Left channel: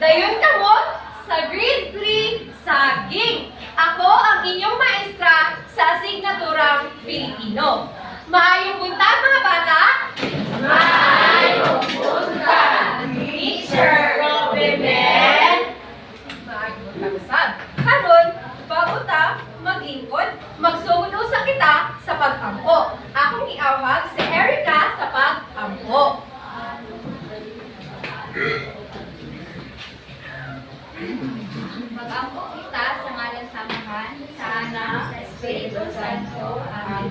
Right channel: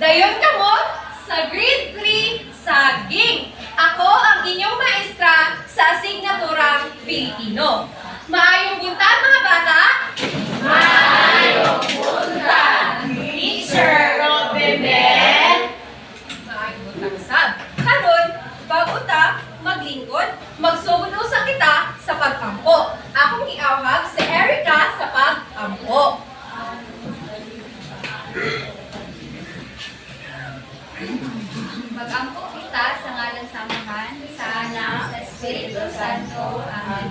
Dayon kamo sa grade 3 saging. Ako ang inyong maestra sa asignaturang Filipino. Maayong buntag mga bata. Maayong buntag, Teacher Robinel. Maayong buntag usab. Karon, bago ta maglingkod, magsugod usa kita sa pagkampo. Akong giawhag si Erica sa pagkampo. Mag-angko kita sa ngalan samahan, sa anak, sa Espiritu Santo. Amen.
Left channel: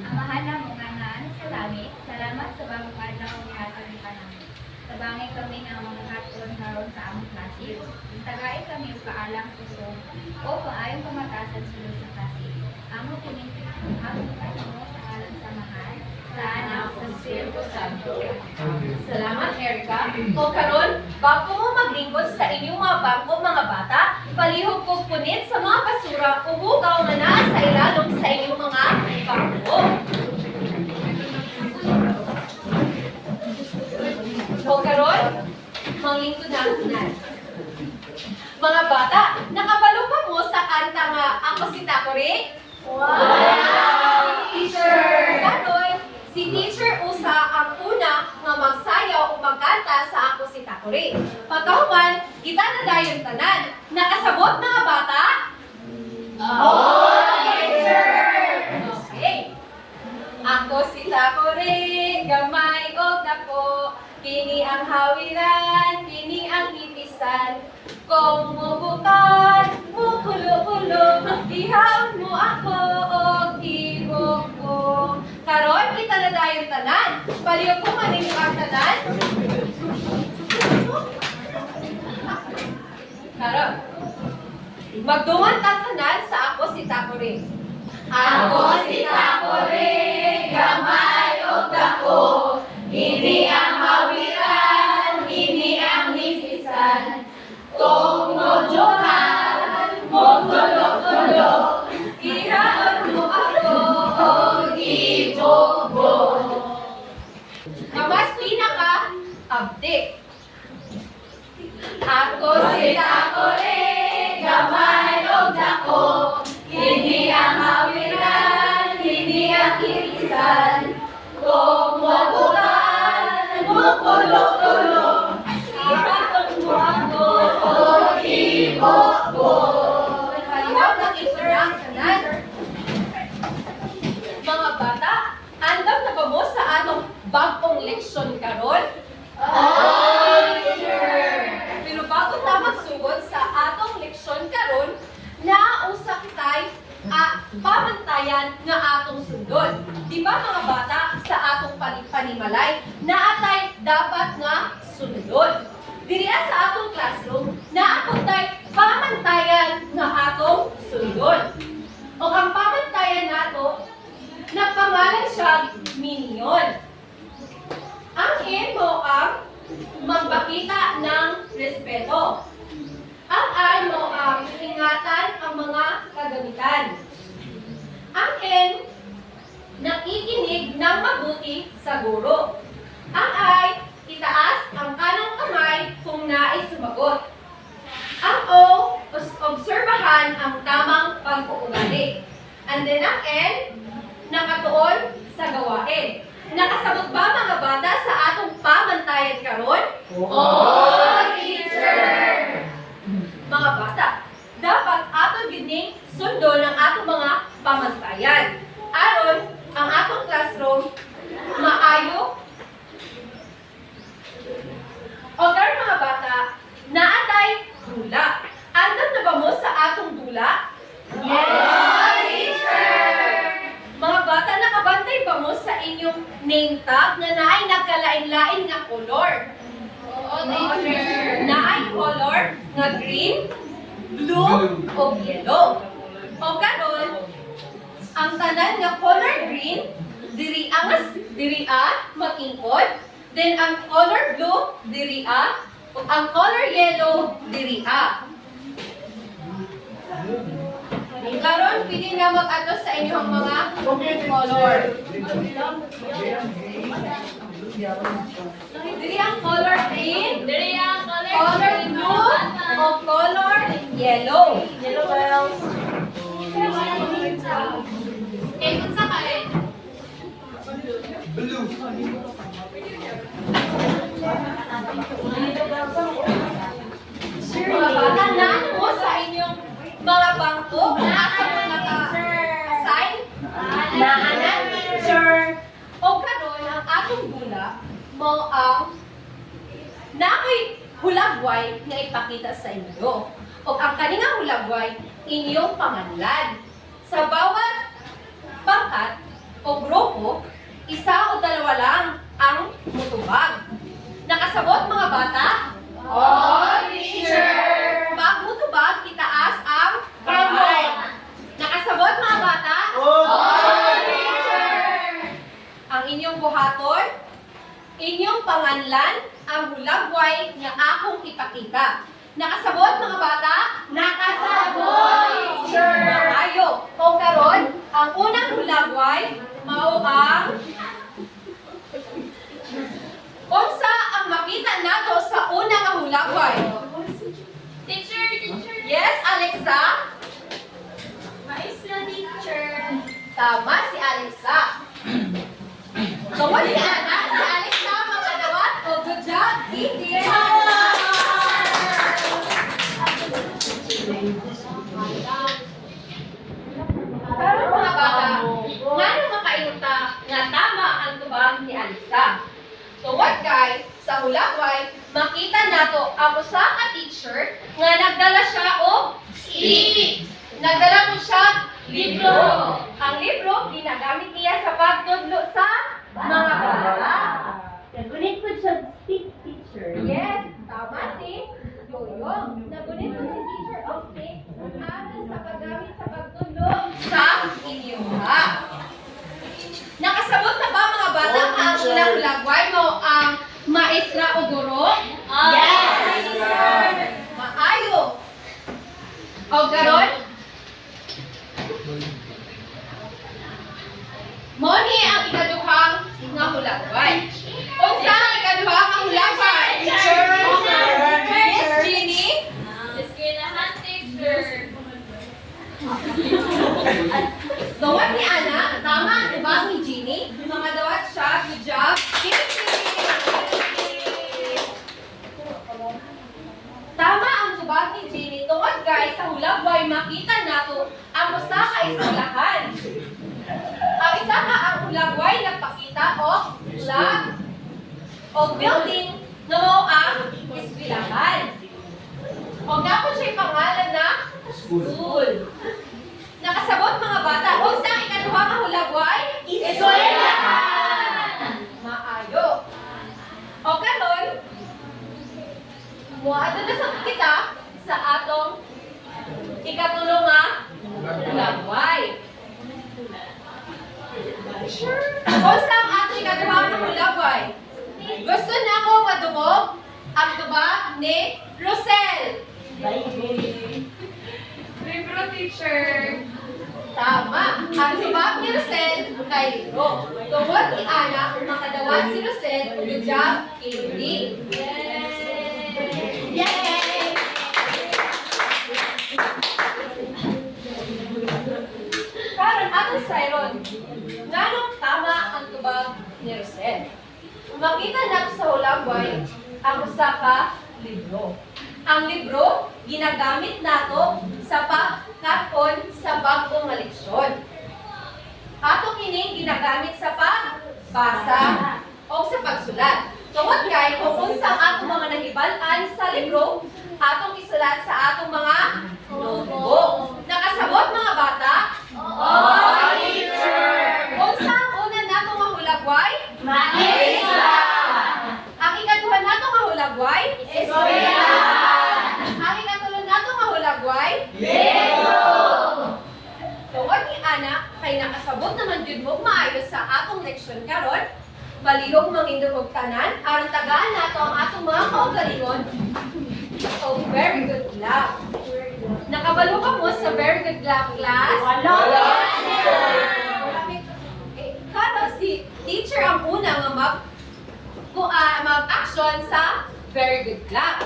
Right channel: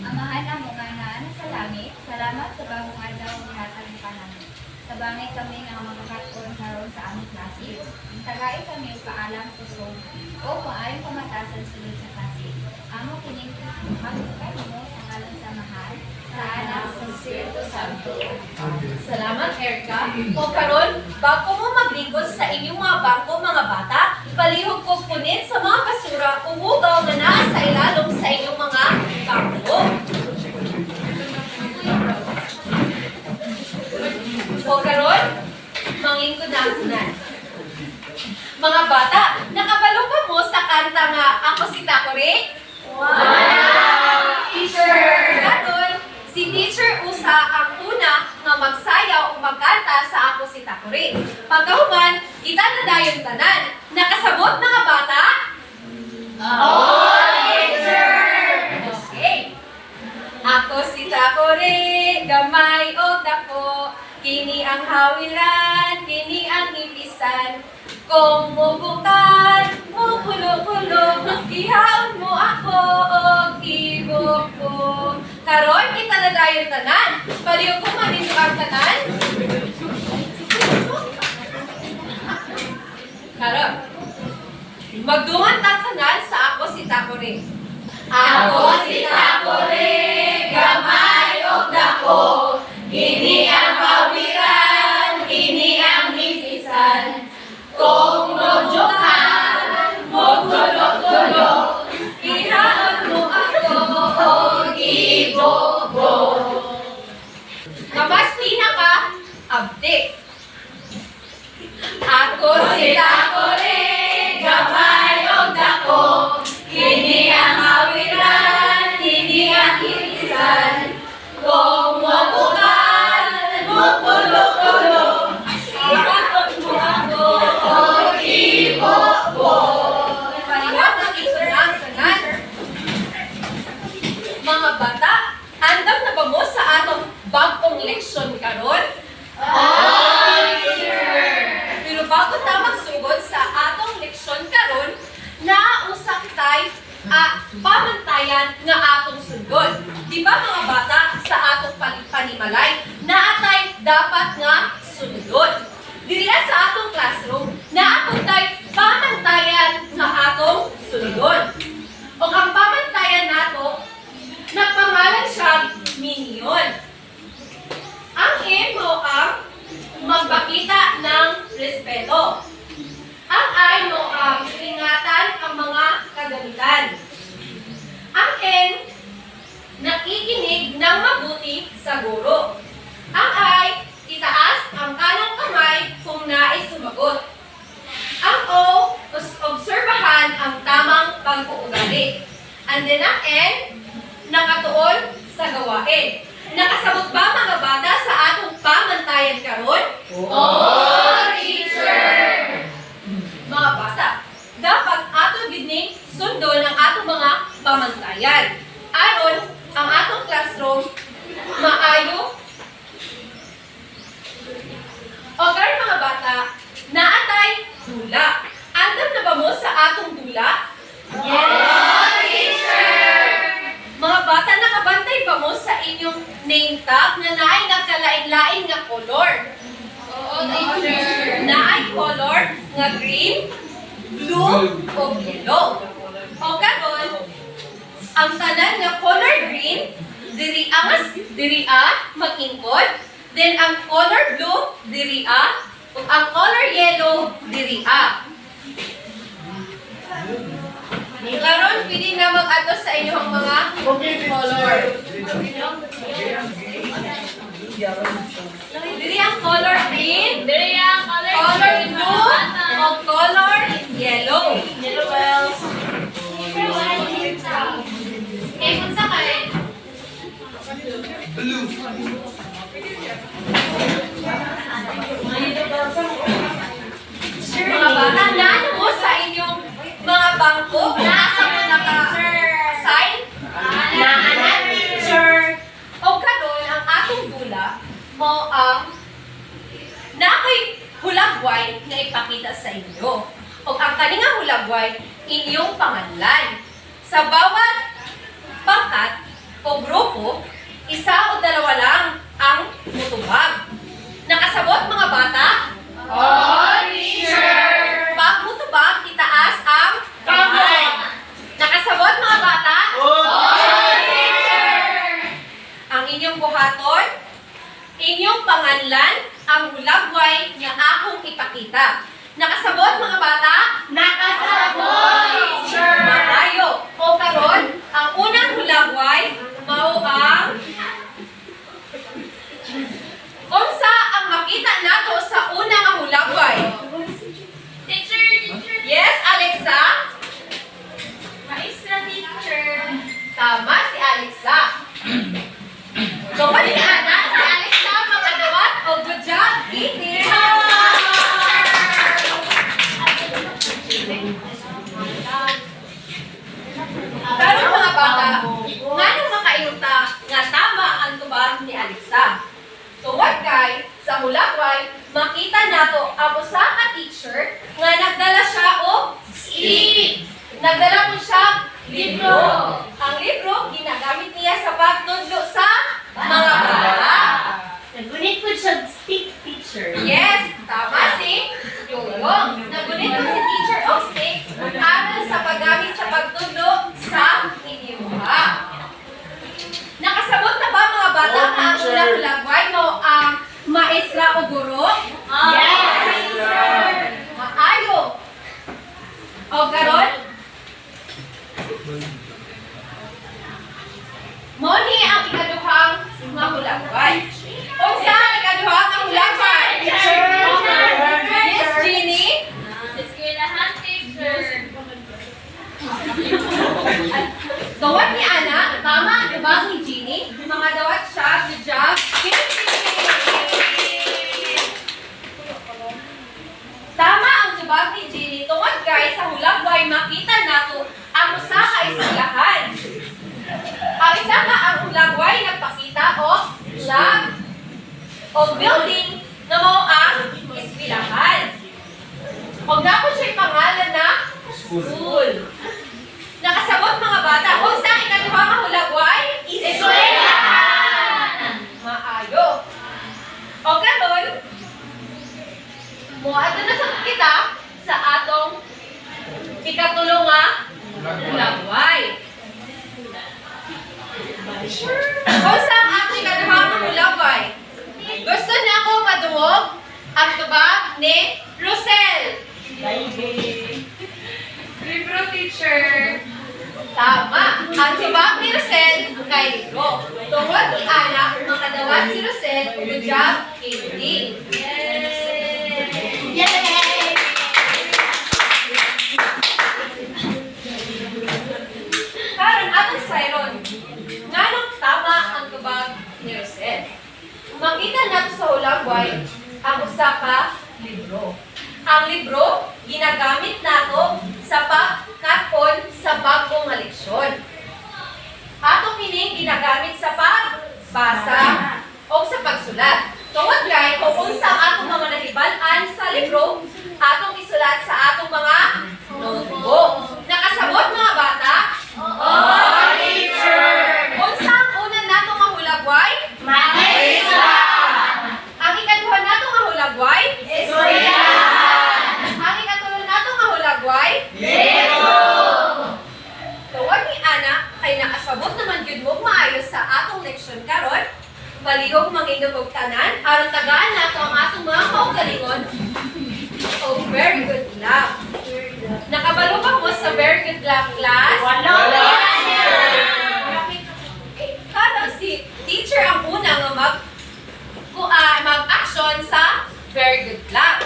Amahan na mo nga na sa langit, salamat sa bagong adlaw ni hatag ka namin. Tabangay kami nga mga katon karon sa among klase. Tagay kami og kaalang kusog o paayong pamatasan sulod sa klase. Amo kining magpay mo sa ngalan samahan, sa anak, sa Espiritu Santo. Salamat, Erica. O karon, bago mo maglingkod sa inyong mga bangko, mga bata, palihog ko punit sa mga basura o hugaw na naa sa ilalong sa inyong mga bangko. O karon, manglingkod na unan. Mga bata, nakabalo ba mo sa kanta nga Ako si Takore? Wow, Teacher! Karon, si Teacher Usa ang una nga magsayaw o magkanta sa Ako si Takore. Pagkahuman, kita na dayon tanan. Nakasabot mga bata? Oo, Teacher! Okay. Ako si Takore, gamay o dako, kini ang hawiran, kini ang ipisan. Kung mubukan, mukulo-kulo, ihaon mo ako o ibok ko. Karon, kita na dayon tanan. Paliw ko maninyo ang tanan. Karon, magdungan tang tanan sa Ako si Takore. Ako si Takore, gamay o dako, kini ang hawiran, kini ang ipisan. Kung mojukan, mogulo-gulo, Ihaon mo ako o ibobo. Mas pinaka-update. Ako Si Takore, gamay o dako, kini ang hawiran, kini ang ipisan. Kung mobukan, mogulo-gulo, ihaon mo ako o ibobo. Paliwag na isurang tanan. Mga bata, andam na ba mo sa atong bagong leksyon karon? Pero bago ta magsugod sa atong leksyon karon, nausa kitay pamantayan nga atong sundon. Di ba mga bata, sa atong panimalay, naatay dapat nga sundon. Diriya sa atong classroom, naatong tay pamantayan nga atong sundon. O ang pamantayan nato, nagpangalan siya minyon. Ang M mo ang magpakita ng respeto. Ang I mo ang ingatan ang mga kagamitan. Ang N, nakikinig ng mabuti sa guro. Ang I, itaas ang kanang kamay kung nais sumagot. Ang O, obserbahan ang tamang pag-uugali. And then ang N, nakatuon sa gawain. Nakasabot ba mga bata sa atong pamantayan karon? Oo, Teacher! Mga bata, dapat ato gining sundon ang atong mga pamantayan. Aron ang atong classroom maayo. O karon mga bata, naatay dula. Andam na ba mo sa atong dula? Yes, Teacher! Mga bata, nakabantay ba mo sa inyong name tag na naay nagkalain-lain nga color? Oo, Teacher. Naay color nga green, blue, o yellow. O karon, ang tanan nga color green, diri mag-ingkod. Then ang color blue, diri ug ang color yellow, diri Karon, pili na mag-ato sa inyong mga color. Diri ang color green, Diri ang color blue, na ako'y hulagway nga ipakita sa inyo. O ang kaninga hulagway, inyong panganlan. Sa bawat pangkat o grupo, isa o dalawa lang ang mutubag. Nakasabot mga bata? Teacher! Pag mutubag, itaas ang Kamay! Nakasabot mga bata? Teacher! Ang inyong buhaton, inyong panganlan, ang hulagway nga akong ipakita. Nakasabot mga bata? Nakasabot, teacher! Maayo. O karon, ang unang hulagway, mao ang unsa ang makita nato sa unang ang hulagway? Teacher! Yes, Alexa? Maestra, teacher! Tama si Alexa. Tungkol ni Ana, si Alexa makadawat o good job, Edith. Pero mga bata, nganong makainuta nga tama ang tubag ni Alexa? Tuwad kay, sa hulagway, makita nato ang usa ka teacher nga nagdala siya og stick. Nagdala mo siya libro. Ang libro ginagamit niya sa pagtudlo sa mga bata. Nagunit po siya stick, teacher. Yes, tama si Yoyong. Nagunit mo si teacher og stick aral sa paggamit sa pagtudlo sa idioma. Nakasabot na ba mga bata ang unang hulagway mo ang maestra o guro? Yes! Maayo. O karon? Mo ni ang ikaduhang nga hulagway. Unsa ang ikaduhang nga hulagway? Miss Jeannie? Eskwelahan, teacher. Dawat ni Ana, tama ang tubag ni Jeannie. Mga dawat siya, good job. Tama ang tubag ni Jeannie. Tungod guys, sa hulagway, makita nato ang usa ka eskwelahan. Ang isa ka ang hulagway nagpakita o flag o building na mo ang eskwelahan. O dapat siya'y pangalan na school. Nakasabot mga bata. Kung sa ikaduha nga hulagway? Eskwelahan! Maayo. O karon, muadto na sa kita sa atong ikatulo nga hulagway. Kung sa ang atong ikaduha nga hulagway? Gusto na ako madungog ang tubag ni Rosel. Libro, teacher. Tama. Ang tibag ni Rosel kay libro. Tungod ni Ana, makadawat si Rosel, good job, Indy. Yay! Karon atong sayron. Nganong tama ang tubag ni Rosel? Makita nato sa hulagway ang usa ka libro. Ang libro ginagamit nato sa pagkaton sa bagong nga leksyon. Ato kining ginagamit sa pagbasa o sa pagsulat. Tungod kay kung unsa atong mga nahibal-an sa libro, atong isulat sa atong mga notebook. Nakasabot mga bata? Teacher! Unsa ang una nato nga hulagway? Maestra! Ang ikaduha nato nga hulagway? Eskwelahan! Ang ikatulo nato nga hulagway? Libro! Tuwad ni Ana, kay nakasabot naman gyud mo maayo sa atong leksyon karon. Malihog mangindog og tanan aron tagaan nato ang atong mga kaugalingon. Oh, very good luck. Nakabalo ba mo sa very good luck class? Wala! Karon si teacher ang una nga mag-action sa very good luck.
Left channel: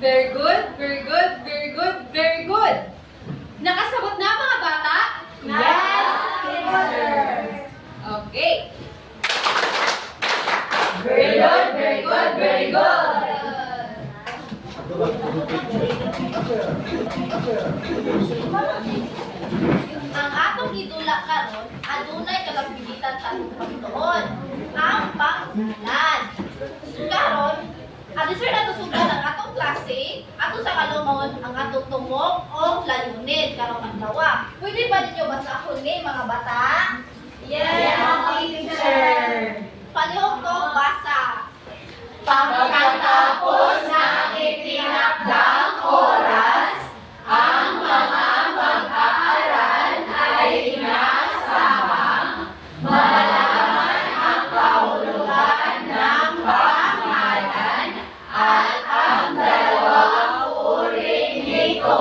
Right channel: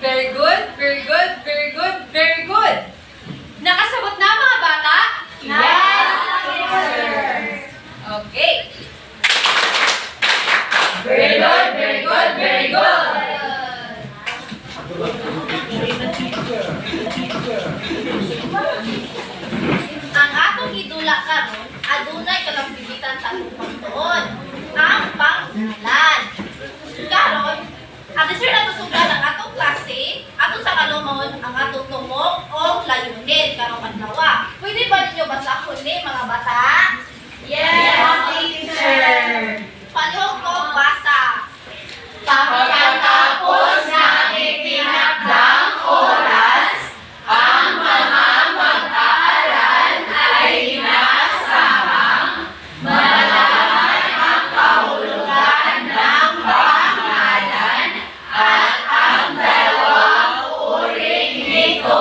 Very good, very good, very good, very good. Nakasabot na mga bata? Yes, teacher! Okay. Very good, very good, very good! Ang atong idula karon adunay kalambigitan sa atong pagtuon. Ang pangalan. At sir natusugan ang atong klase, ato sa kalumon ang atong tumong o layunin karong adlaw. Pwede ba ninyo basahon ni mga bata? Yes, teacher. Palihog ko basa. Pagkatapos ng itinakdang oras, ang mga mag-aaral ay inaasahang malaman ang kahulugan ng pangalan at ang dalawang uring nito.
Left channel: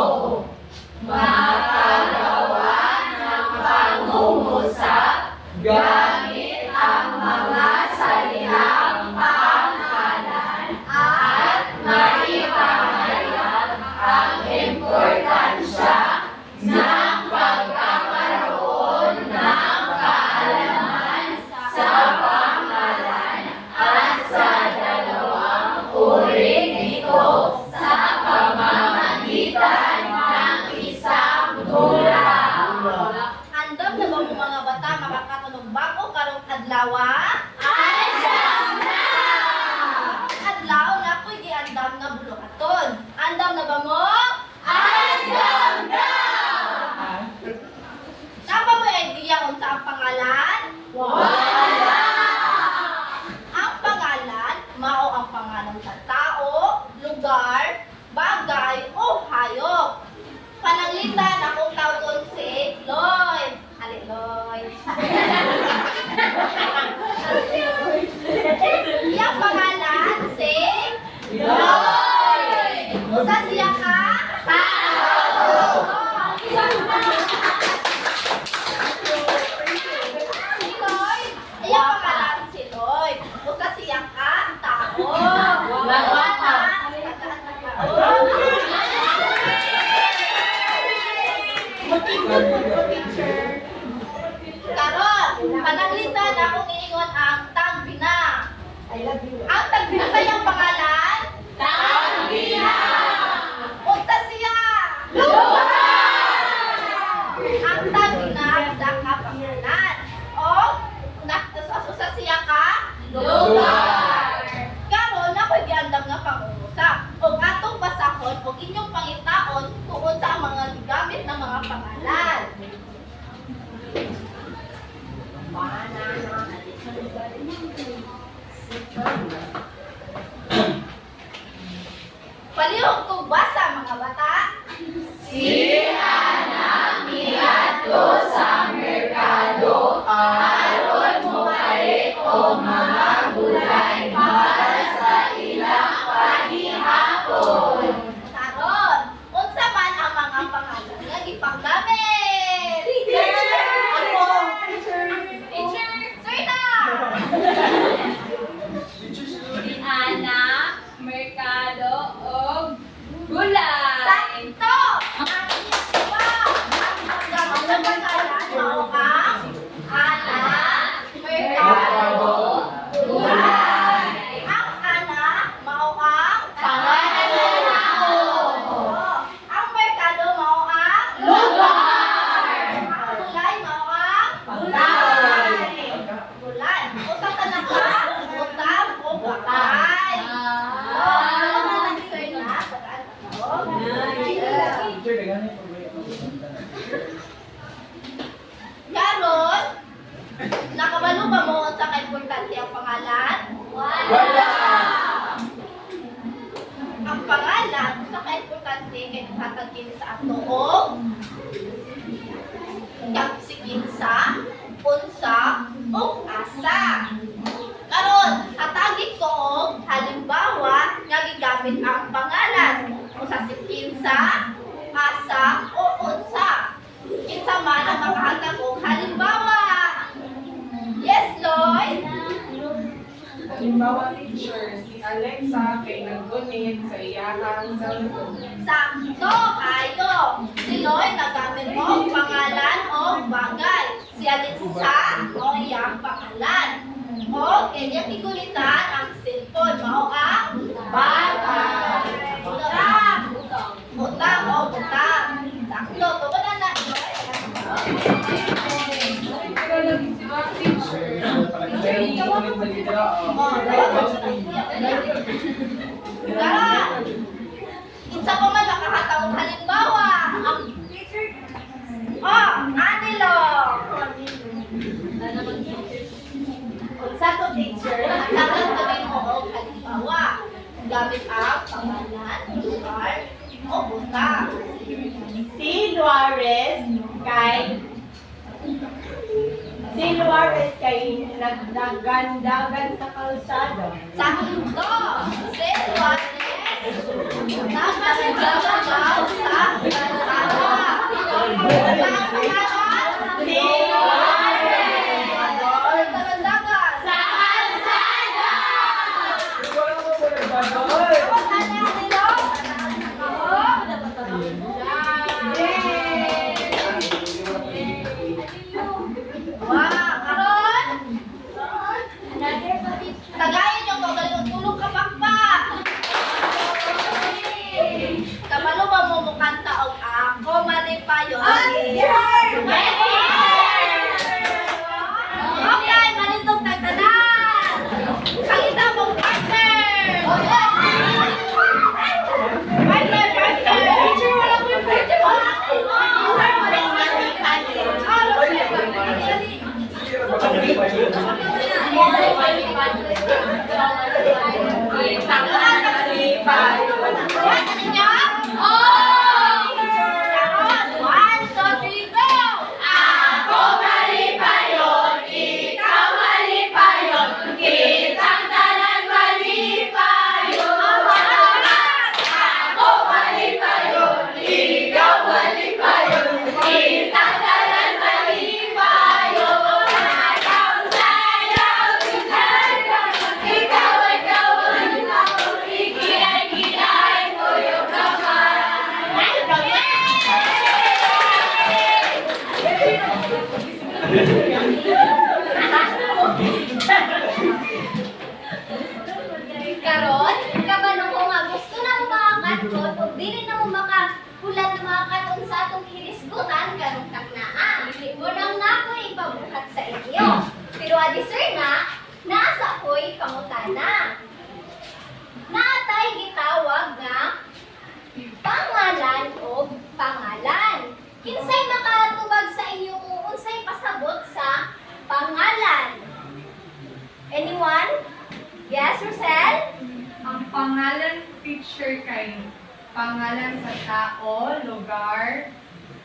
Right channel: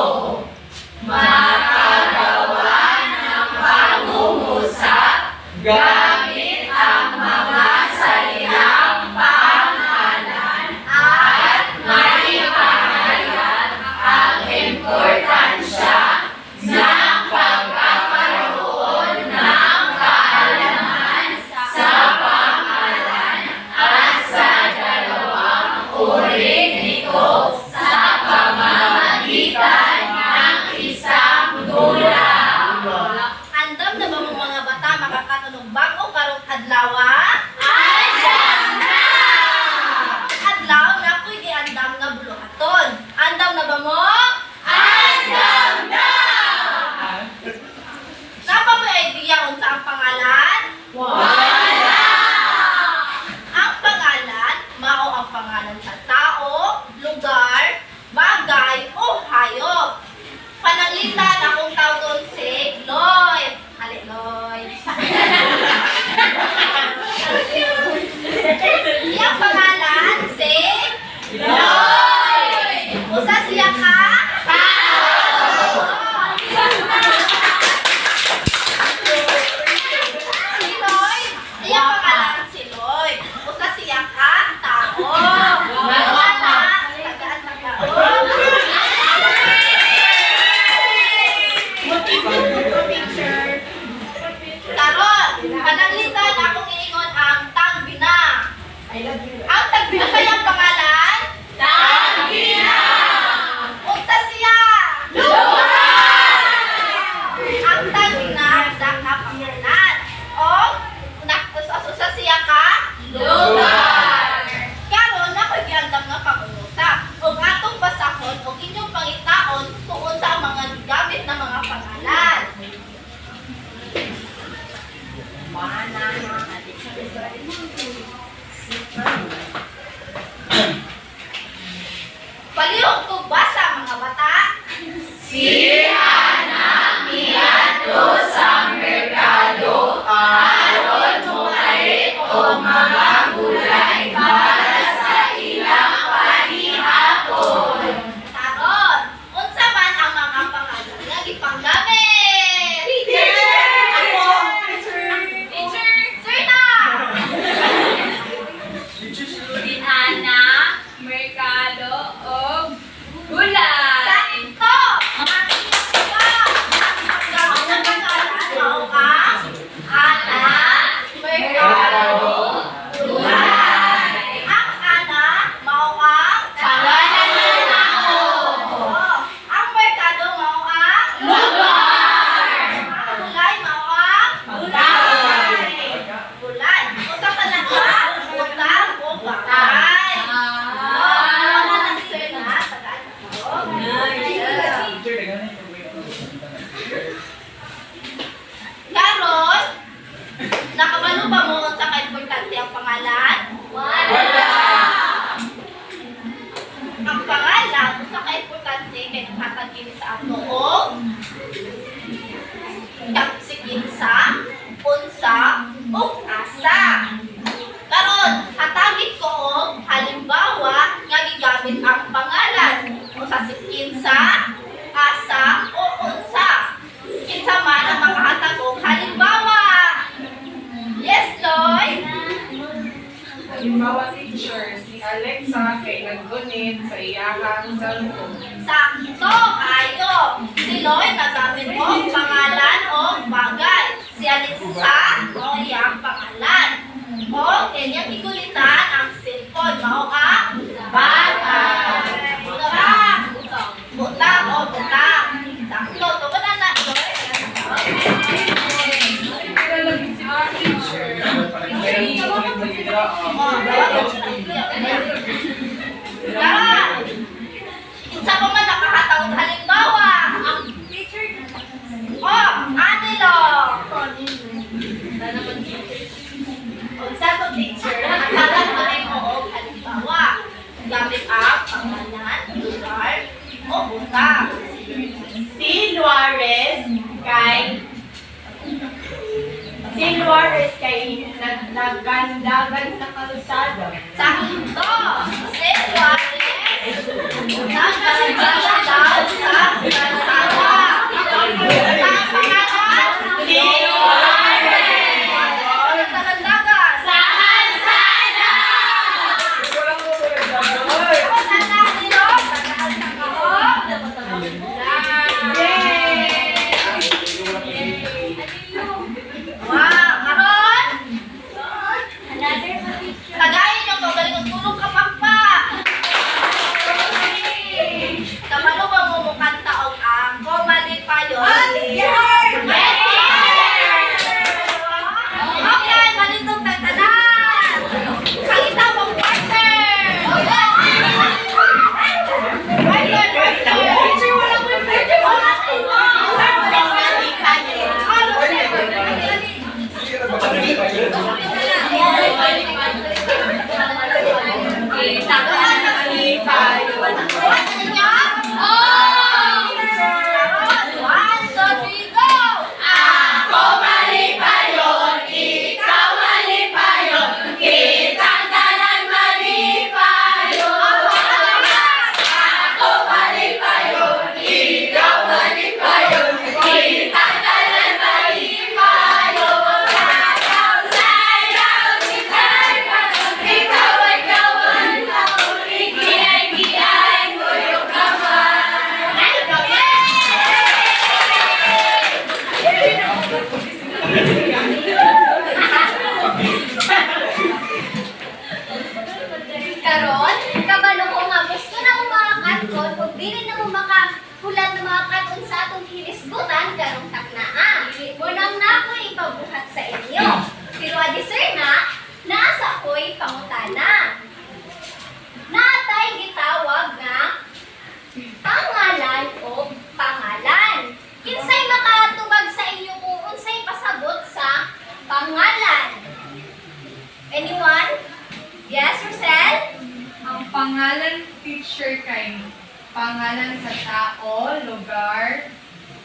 Makagawa ng pangungusap gamit ang mga salitang pangalan at maipahayag ang importansya ng pagkakaroon ng kaalaman sa pangalan at sa dalawang uring nito sa pamamagitan ng isang dula. Andam na ba mo mga bata makakatunog bago karong adlaw? Andam na! Adlaw na ko'y giandam nga buluhaton. Andam na ba mo? Andam na! Napa mo idea kung sa ang pangalan? Wala! Ang pangalan, mao ang pangalan sa tao, lugar, bagay o hayop. Pananglitan akong tawgon si Lloyd. Ali, Lloyd. Iyang pangalan si Lloyd! Usa siya ka? Si Lloyd. Iyang pangalan si Lloyd. Usa siya ka? Tao. Tagaan na Karon, pananglitan akong iingon ang tagbina. Ang tagbina kayang pangalan? Tagbina! Unsa siya? Ang tagbina sa kapangalan. O, usa siya ka? Lugar! Karon, ako'y giandam nga pangungusap. Ug atong basahon ug inyong pangitaon tungod sa mga gamit na mga pangalan. Palihog ko basa mga bata. Si Ana miadto sa merkado aron mopalit og mga gulay para sa ilang panihapon. Taron, unsa man ang mga pangalan nga gipanggamit? Ako! Teacher! Sir na! Si Ana, merkado o gulay. Sakto! Ang iba! Ang panggamit ng pangalan mao ang Ana, merkado, Gulay! ang Ana mao ang Pangalan ng tao! Oh, ang merkado mao ang Lugar! ang gulay mao ang Gulay! gulay. Usa ka na ka, utang o bagay. Oh, ano na sir na? Tagaan ko. Karon, nakabalo ba mo sa ka-importante ang pangalan? Wala! Ang pangalan, sa ka-importante kay nakatagin sa ato o kapsikinsa, unsa, o asa. Karon, hatagit ko og halimbawa nga gigamit ang pangalan usa si kinsa, asa o unsa. Kinsa man ang makahatag og halimbawa. Yes, Lloyd. Halimbawa, teacher, si Alexa kay naggunit sa iyahang cellphone. Sakto kayo. Si Lloyd nagamit og pangalan o bagay. Si Alexa o iyang pangalan. O kanyang igulitan ang cellphone. Mao ang Bata! Butang. Butang o butang. Sakto. Tumanan na, Lloyd. Teacher, Oh, Unsa pa man nakahataw halimbawa, ang teacher Anilo. Unsa to teacher? Nakatagan mo rin mo og halimbawa. Gamit ang pangalan, lugar, o buta. Si Juarez kay naggandagan sa kalsada. Sakto! Si Juarez, nagkasigala daw sa kalsada. Ang pangalan? Si Juarez! Walang tagandagan. Sa kalsada! Ako na nilo. Wow, karon. Tagayin yung to, galing ang tulong ka pa. Kabalo ba mo mukanta og ako mali pa yun? Okay, manitong tatanan. Salita mong partner. Teacher, wala ko yung One, two, three, go! Ako mali pa yun, ikaw mali pa yun, kitang tanan mali pa yun. Ako mali pa yun, ikaw mali pa yun, kitang tanan mali pa yun. Ikaw sayaw, ikaw ay kawan, ako igiyay mo yung kamay. Karon, kabalo ko nga gusto na mo makakaton ug dili na mo makahulat na makakaton sa atong hinisgutan karong taknaa. Munang nakoy ipabuhat sa inyo. Pero adi sir naasa ko'y pangutana. Natay gitawag nga pangalan o pangalan. Kinsay makatubag sa inyo kung unsay pasabot sa pangalan? Anyone? Yes, Rosel? Ang pangalan teacher kay pangalan sa tao, lugar,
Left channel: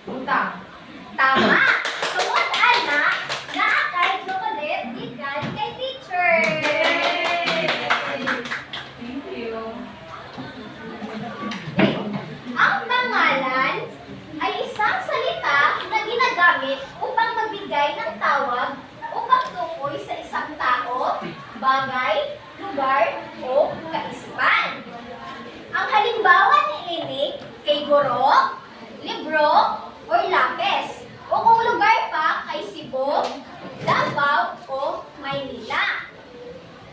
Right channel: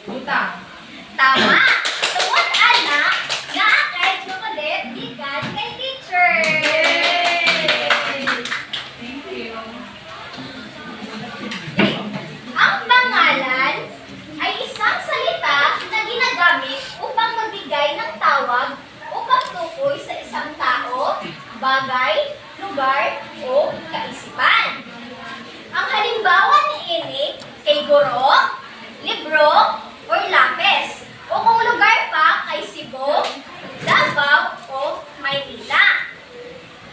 buta. Tama! Tungod ana, kahit makulit, gikan kay teacher. Thank you. Ang pangalan ay isang salita na ginagamit upang magbigay ng tawag o pagtukoy sa isang tao, bagay, lugar, o kaisipan. Ang halimbawa ni ini kay guro, libro, or lapis. O kung lugar pa kay Cebu, Davao, o Maynila.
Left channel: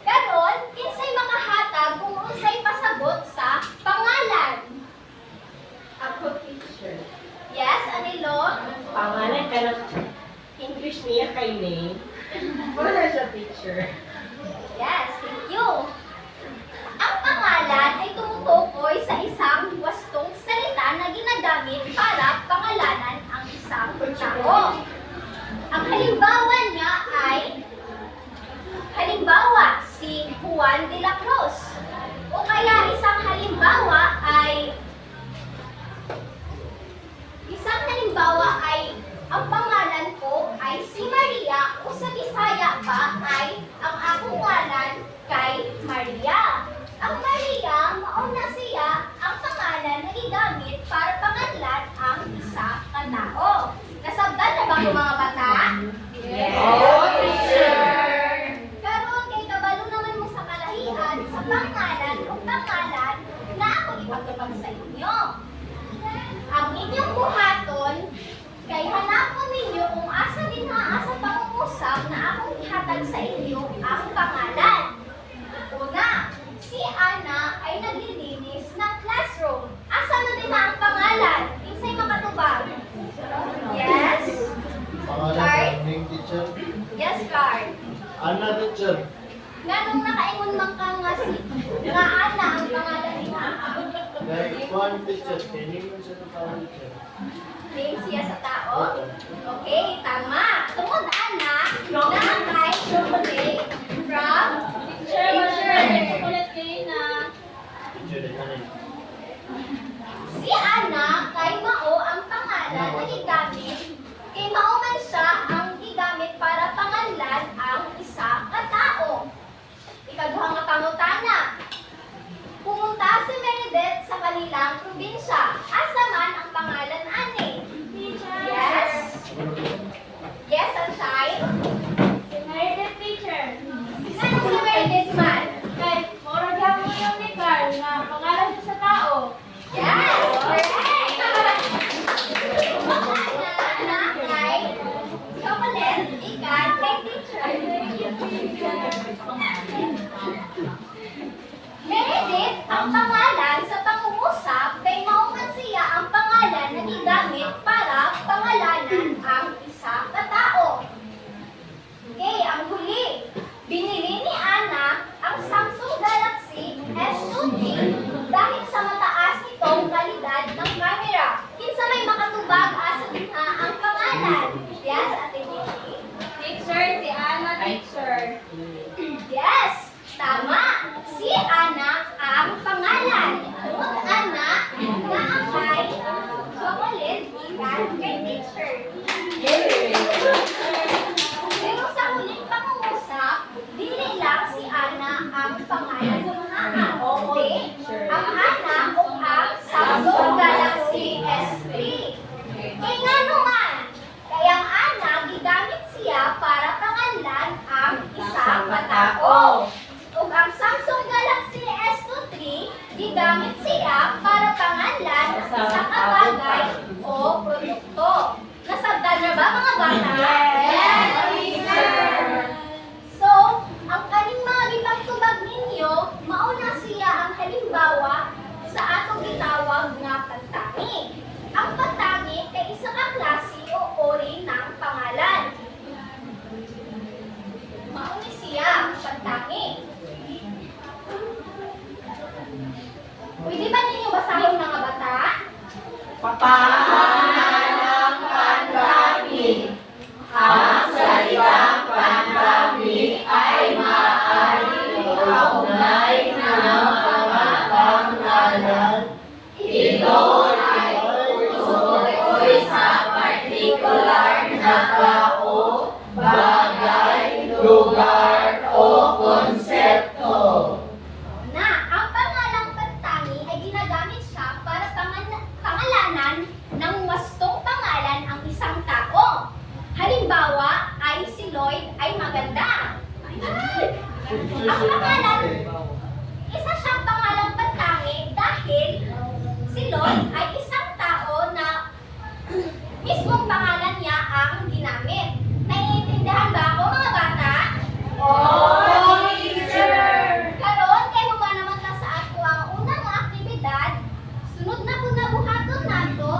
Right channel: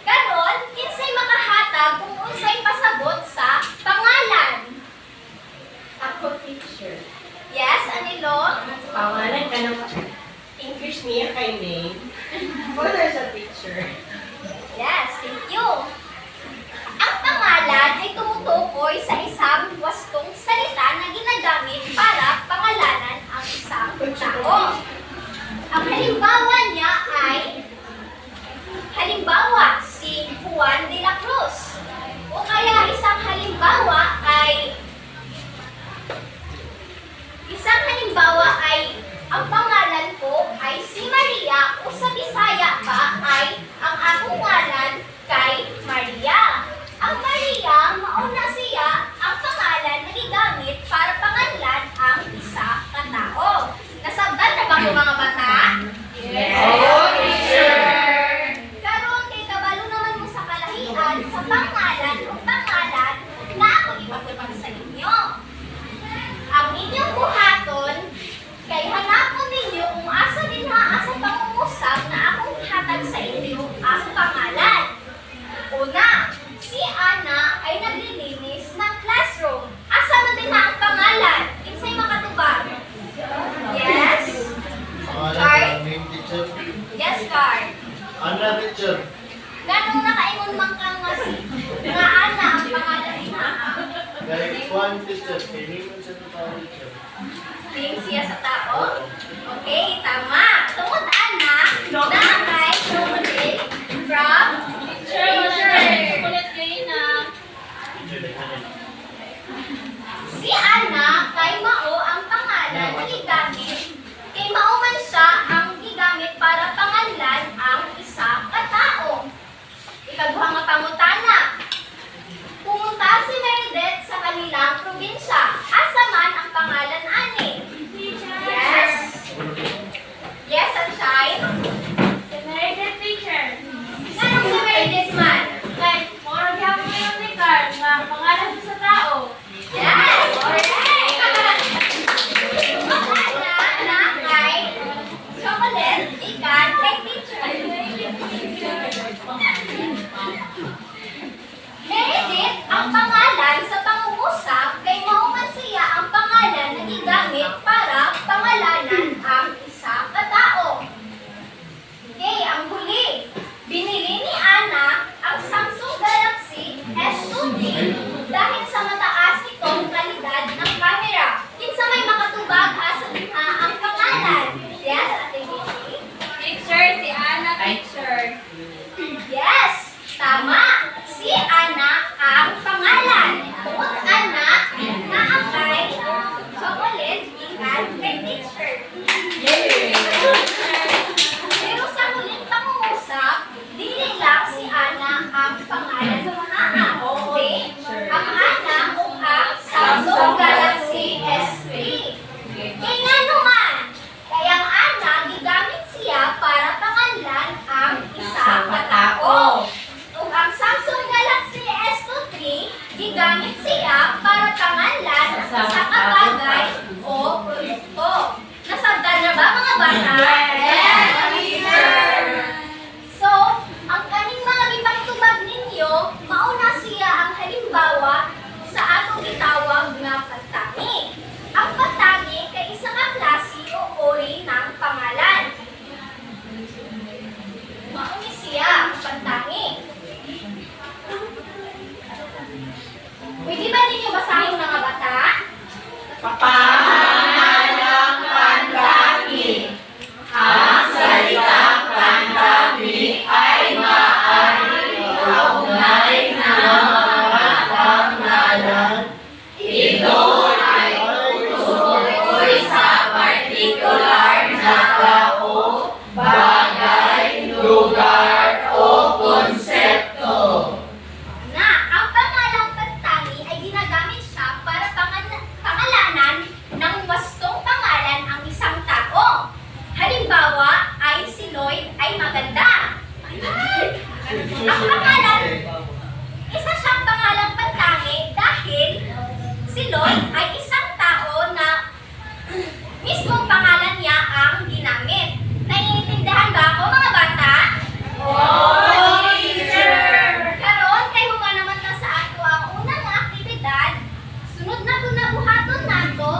Karon, kinsay makahatag kung unsay pasabot sa pangalan? Ako teacher. Yes, Anilo? Pangalan ka ng English niya kay May. Wala sa teacher. Yes, thank you. Ang pangalan ay tumutukoy sa isang wastong salita na ginagamit para pangalanan ang isang tao. Ang halimbawa niya ay, halimbawa, si Juan de la Cruz. O kaya isang halimbawa ay, ang pangalan ko ay si Maria o sa Bisaya pa ay ang akong ngalan kay Maria. Ang Maria, mauna siya ang pangalan na gigamit para pangalan ang isa ka tao. Nasabdan na ba ko mga bata? Yes. Oo, teacher. Karon kay kabalo naman mo sa kalahian sa pangalan o pangalan na ako ipagdapag sa inyo. Ang inyong buhaton kay hanapon ninyo kung asa ginhaa sa pangungusap na akong ihatag sa inyo ang pangalan. Una, si Ana ay naglilinis ng classroom. Asa na din ang pangalan? Kinsay makatubag? Yes? Pangalan ng main teacher, Yes, Card. Ana teacher. Ganong nakaingon man ka nga si nga Ana ang pangalan ni Naa. Kahit one teacher, kailangan siya ng tao teacher. Name siya sa tao? Okay, tama. Tungod anak, naangay chocolate from teacher. Chocolate kayo na. Teacher na kanina. Si Ana kay Mao ang pangalan na gigamit. Kay Mao man siya ang gigamit para panganlan ang isa ka tao. Ikaduha nga pangutana. Pumunta si Meredith sa kanilang probinsya. Asa man ang pangalan ani? Yes. Yes, Sunshine. Si Meredith teacher. Anong si Meredith man? Moro gyapon mo yung ni Carl nga pangalan siya sa tao. Yes! Correct! Na kay chocolate, ikan, kay teacher. Meredith ang pangalan sa pangungusap kay mauman siya ang pangalan na gigamit para pangalanan ang isa ka tao. Okay, ang huli. Binili ni Ana ang Samsung Galaxy S20 dahil sa mataas nitong kalidad ng camera. Kinsa may makatubag asa diha ang pangalan. Yes, Ate Vicky. Teacher, si Ana teacher. Yes, tama. Si Ana ang pangalan. Tungod Ana na ang kay chocolate ikan kay teacher. Pero sa huling pangungusap, dili lang si Ana ang pangalan ng Ana. Okay? Ang Ana o ang Samsung Galaxy S3. Kaya nga naman, kaya ang Ana gigamit siya para panganlan ang isa ka tao. Ug ang Samsung Galaxy S23 gigamit siya para panganlan ang isa ka bagay o produkto. Nasabtan na ba mga bata? Yes, teacher. So, ang kaning mga gipatubag ninyo, mauna siya ang halimbawa sa atong gitawag nga pagtangi. Ang pagtangi kay isa ka klase o uri ng pangalan. Mauni siya ang pagtangi. Pwede ba ninyo basahon mga bata? Papangalang pantangi. Ang salitang pantangi ay maaaring kaugnay ng mga pangalan. Ito ay tutukoy sa partikular na tao, bagay, lugar o konsepto. Na ang pangalang pagtangi ay ginagamit siya para pangalanan ng wastong pangalan ang isang tao. Halimbawa ay si Lloyd ay maganda. Ang pangalan, isa siyang pangalang pagtangi dahil si Lloyd ay isang tao na mismong pangalan niya ang ginamit. Naiintindihan ba ako mga bata? Oh, teacher! Karon kay humana naman na sa ato ang unang nga aktibidad. Sunod na po na buhaton nato.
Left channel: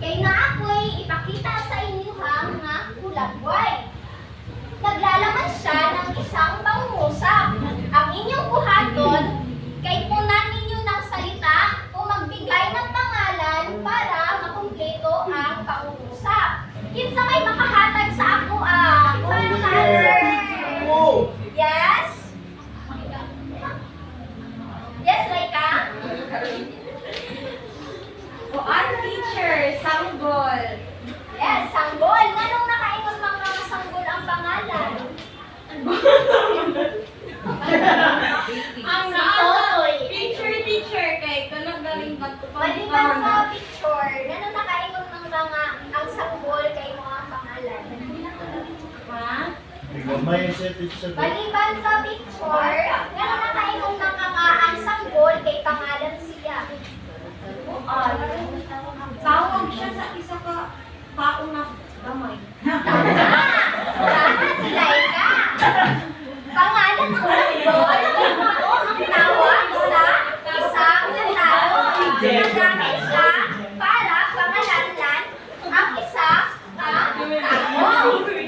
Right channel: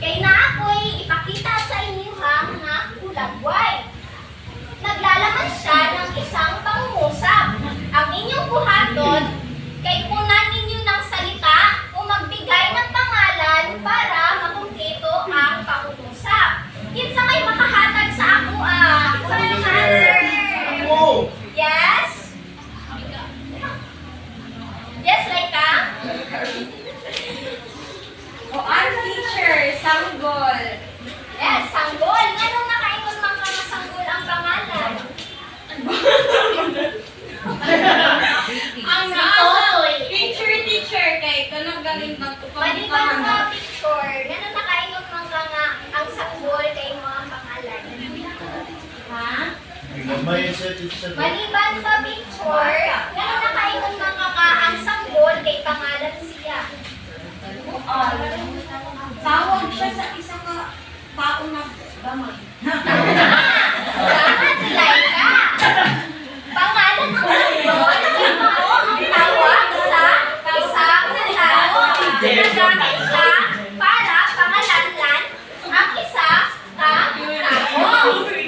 Kay na ako'y ipakita sa inyo nga kulagway. Naglalaman siya ng isang pangungusap. Ang inyong buhaton kay punan ninyo ng salita o magbigay ng pangalan para makumpleto ang pangungusap. Kinsa may makahatag sa ako Wala naka-answer. Oh! Yes? Yes, Laika? O ang teacher, sanggol. Yes, sanggol. Nganong nakaingon mga sanggol ang pangalan? Ang Si Totoy. teacher, kay kanang galing Maliban sa picture, nganong nakaingon mga ang sanggol kay mo ang pangalan? Ha? May gamay siya teacher. Maliban sa picture, nganong nakaingon mga ang sanggol kay pangalan siya? Tawag siya sa isa ka tao na gamay. Tama si Laika. Pangalan ng sanggol, kay Mao ang tawag sa isang tao. Nagamit siya para pangalanlan ang isa ka tao.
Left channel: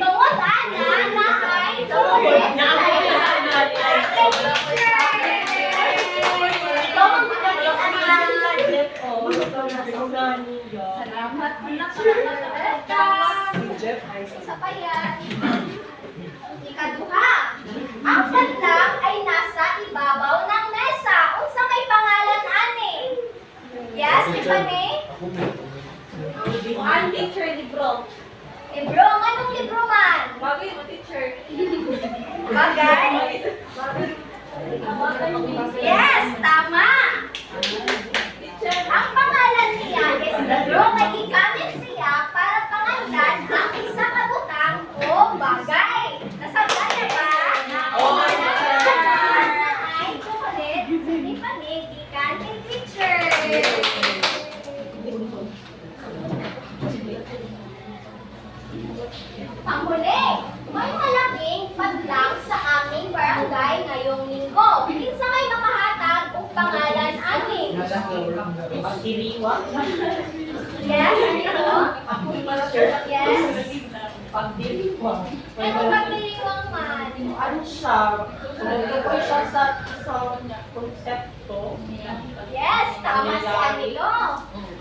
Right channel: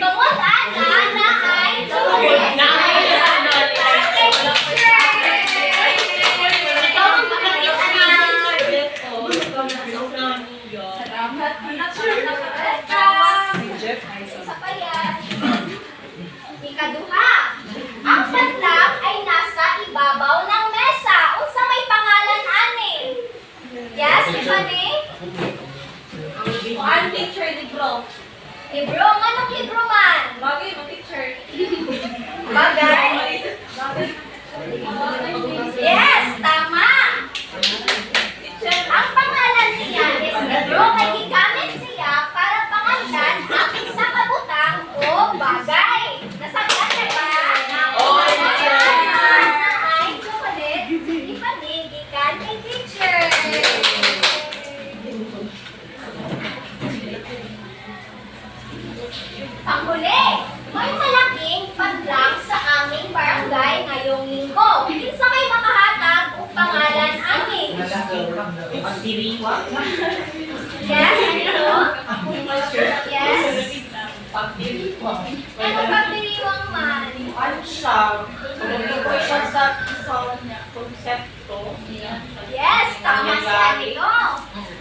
Tungod ana na ay chocolate ay kay teacher. sabayan. Ikaduha, ang patlang ay nasa ibabaw ng mesa. Unsa may pangalan ani? Yes, Tiffany? Ang teacher libro. Libro, anong libro man? Bagay mo teacher. Bagay? Yes, tama. Ang pangalan niya is libro kay gigamit siya para pangalan ang isang kabutang o bagay. Nasabtan niya ba? Oo, teacher. Ay, chocolate. Hindi pa gikan kay teacher. Panghuli, may malaking padlang sa aming barangay ngayong linggo. Kinsa may makahatag o pangalan amin? Pagdiriwa. Yes, ano? Yes? Pagdiriwa. Ano pagdiriwang man? Ano siya? Tumutukoy siya sa isang konsepto. Yes, tama si Anilo.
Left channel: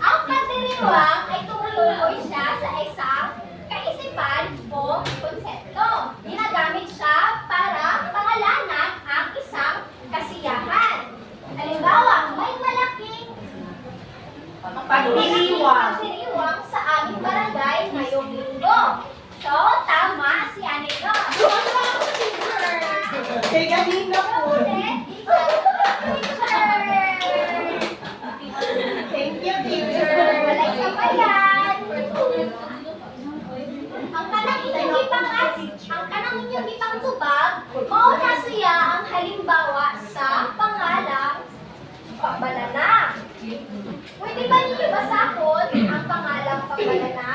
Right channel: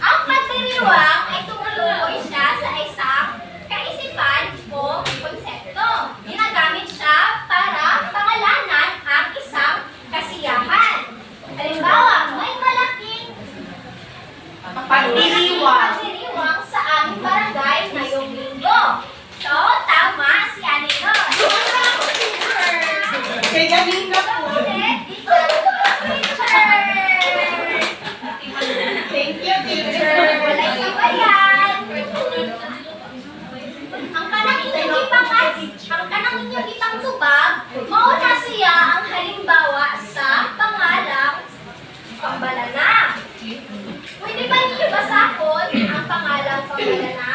Ang pagdiriwang ay tumutukoy siya sa isang kaisipan o konsepto. Ginagamit siya para pangalanan ang isang kasiyahan. Halimbawa, may malaking Pagdiriwang. pagdiriwang sa aming barangay ngayong linggo. So, tama si Anilo. Kaya kanina po. Thank you, teacher. Walay sabayan. Ang kanang inyong itang tubag, mauna siya ang halimbawa sa pangalang pambalana. Pwede ba ninyo basahon ang pangalang pambalana?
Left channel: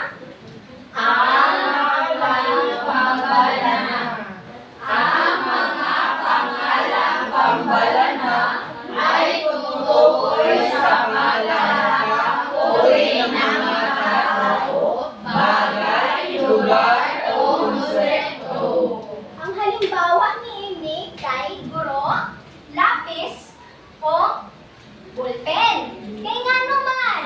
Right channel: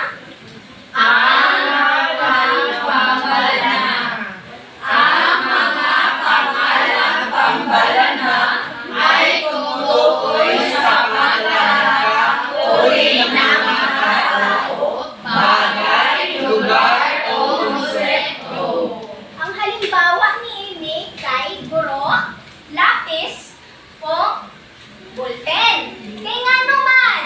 Ang halimbawa niini kay guro, lapis, o ballpen. Kay nga naman,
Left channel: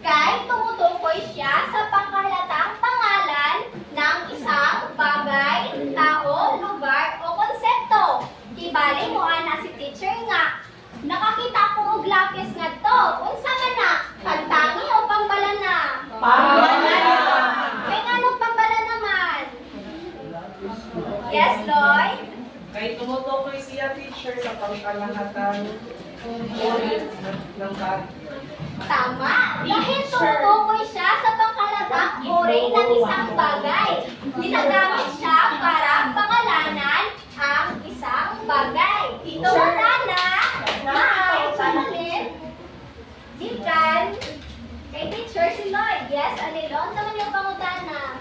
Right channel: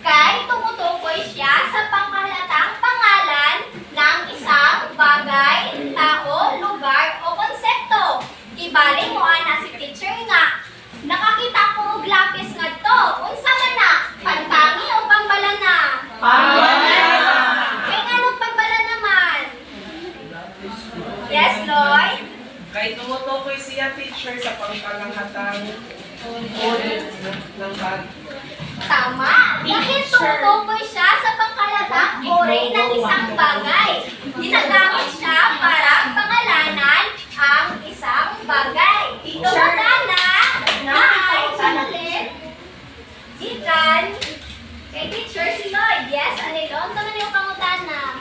kay tumutukoy siya sa pangkahalatang pangalan ng isang bagay, tao, lugar, o konsepto. Ibali mo ana si teacher nga. Nakakita ko og lapis nga to. Unsa man na? Pantangi o pambalana? Kay nga nung pambalana naman? Yes, Lloyd? Kay tumutukoy siya teacher sa pangkalahatang unit ng bag. Tama. Dahil tumutukoy siya sa pangkalatang uri ng isang bagay. Ginagamit siya para pangalanan ang isang bagay. Tumutana na ay sulit. Gikan kay teacher si Lloyd. Yes, Anilon? Sa man yung pangutana?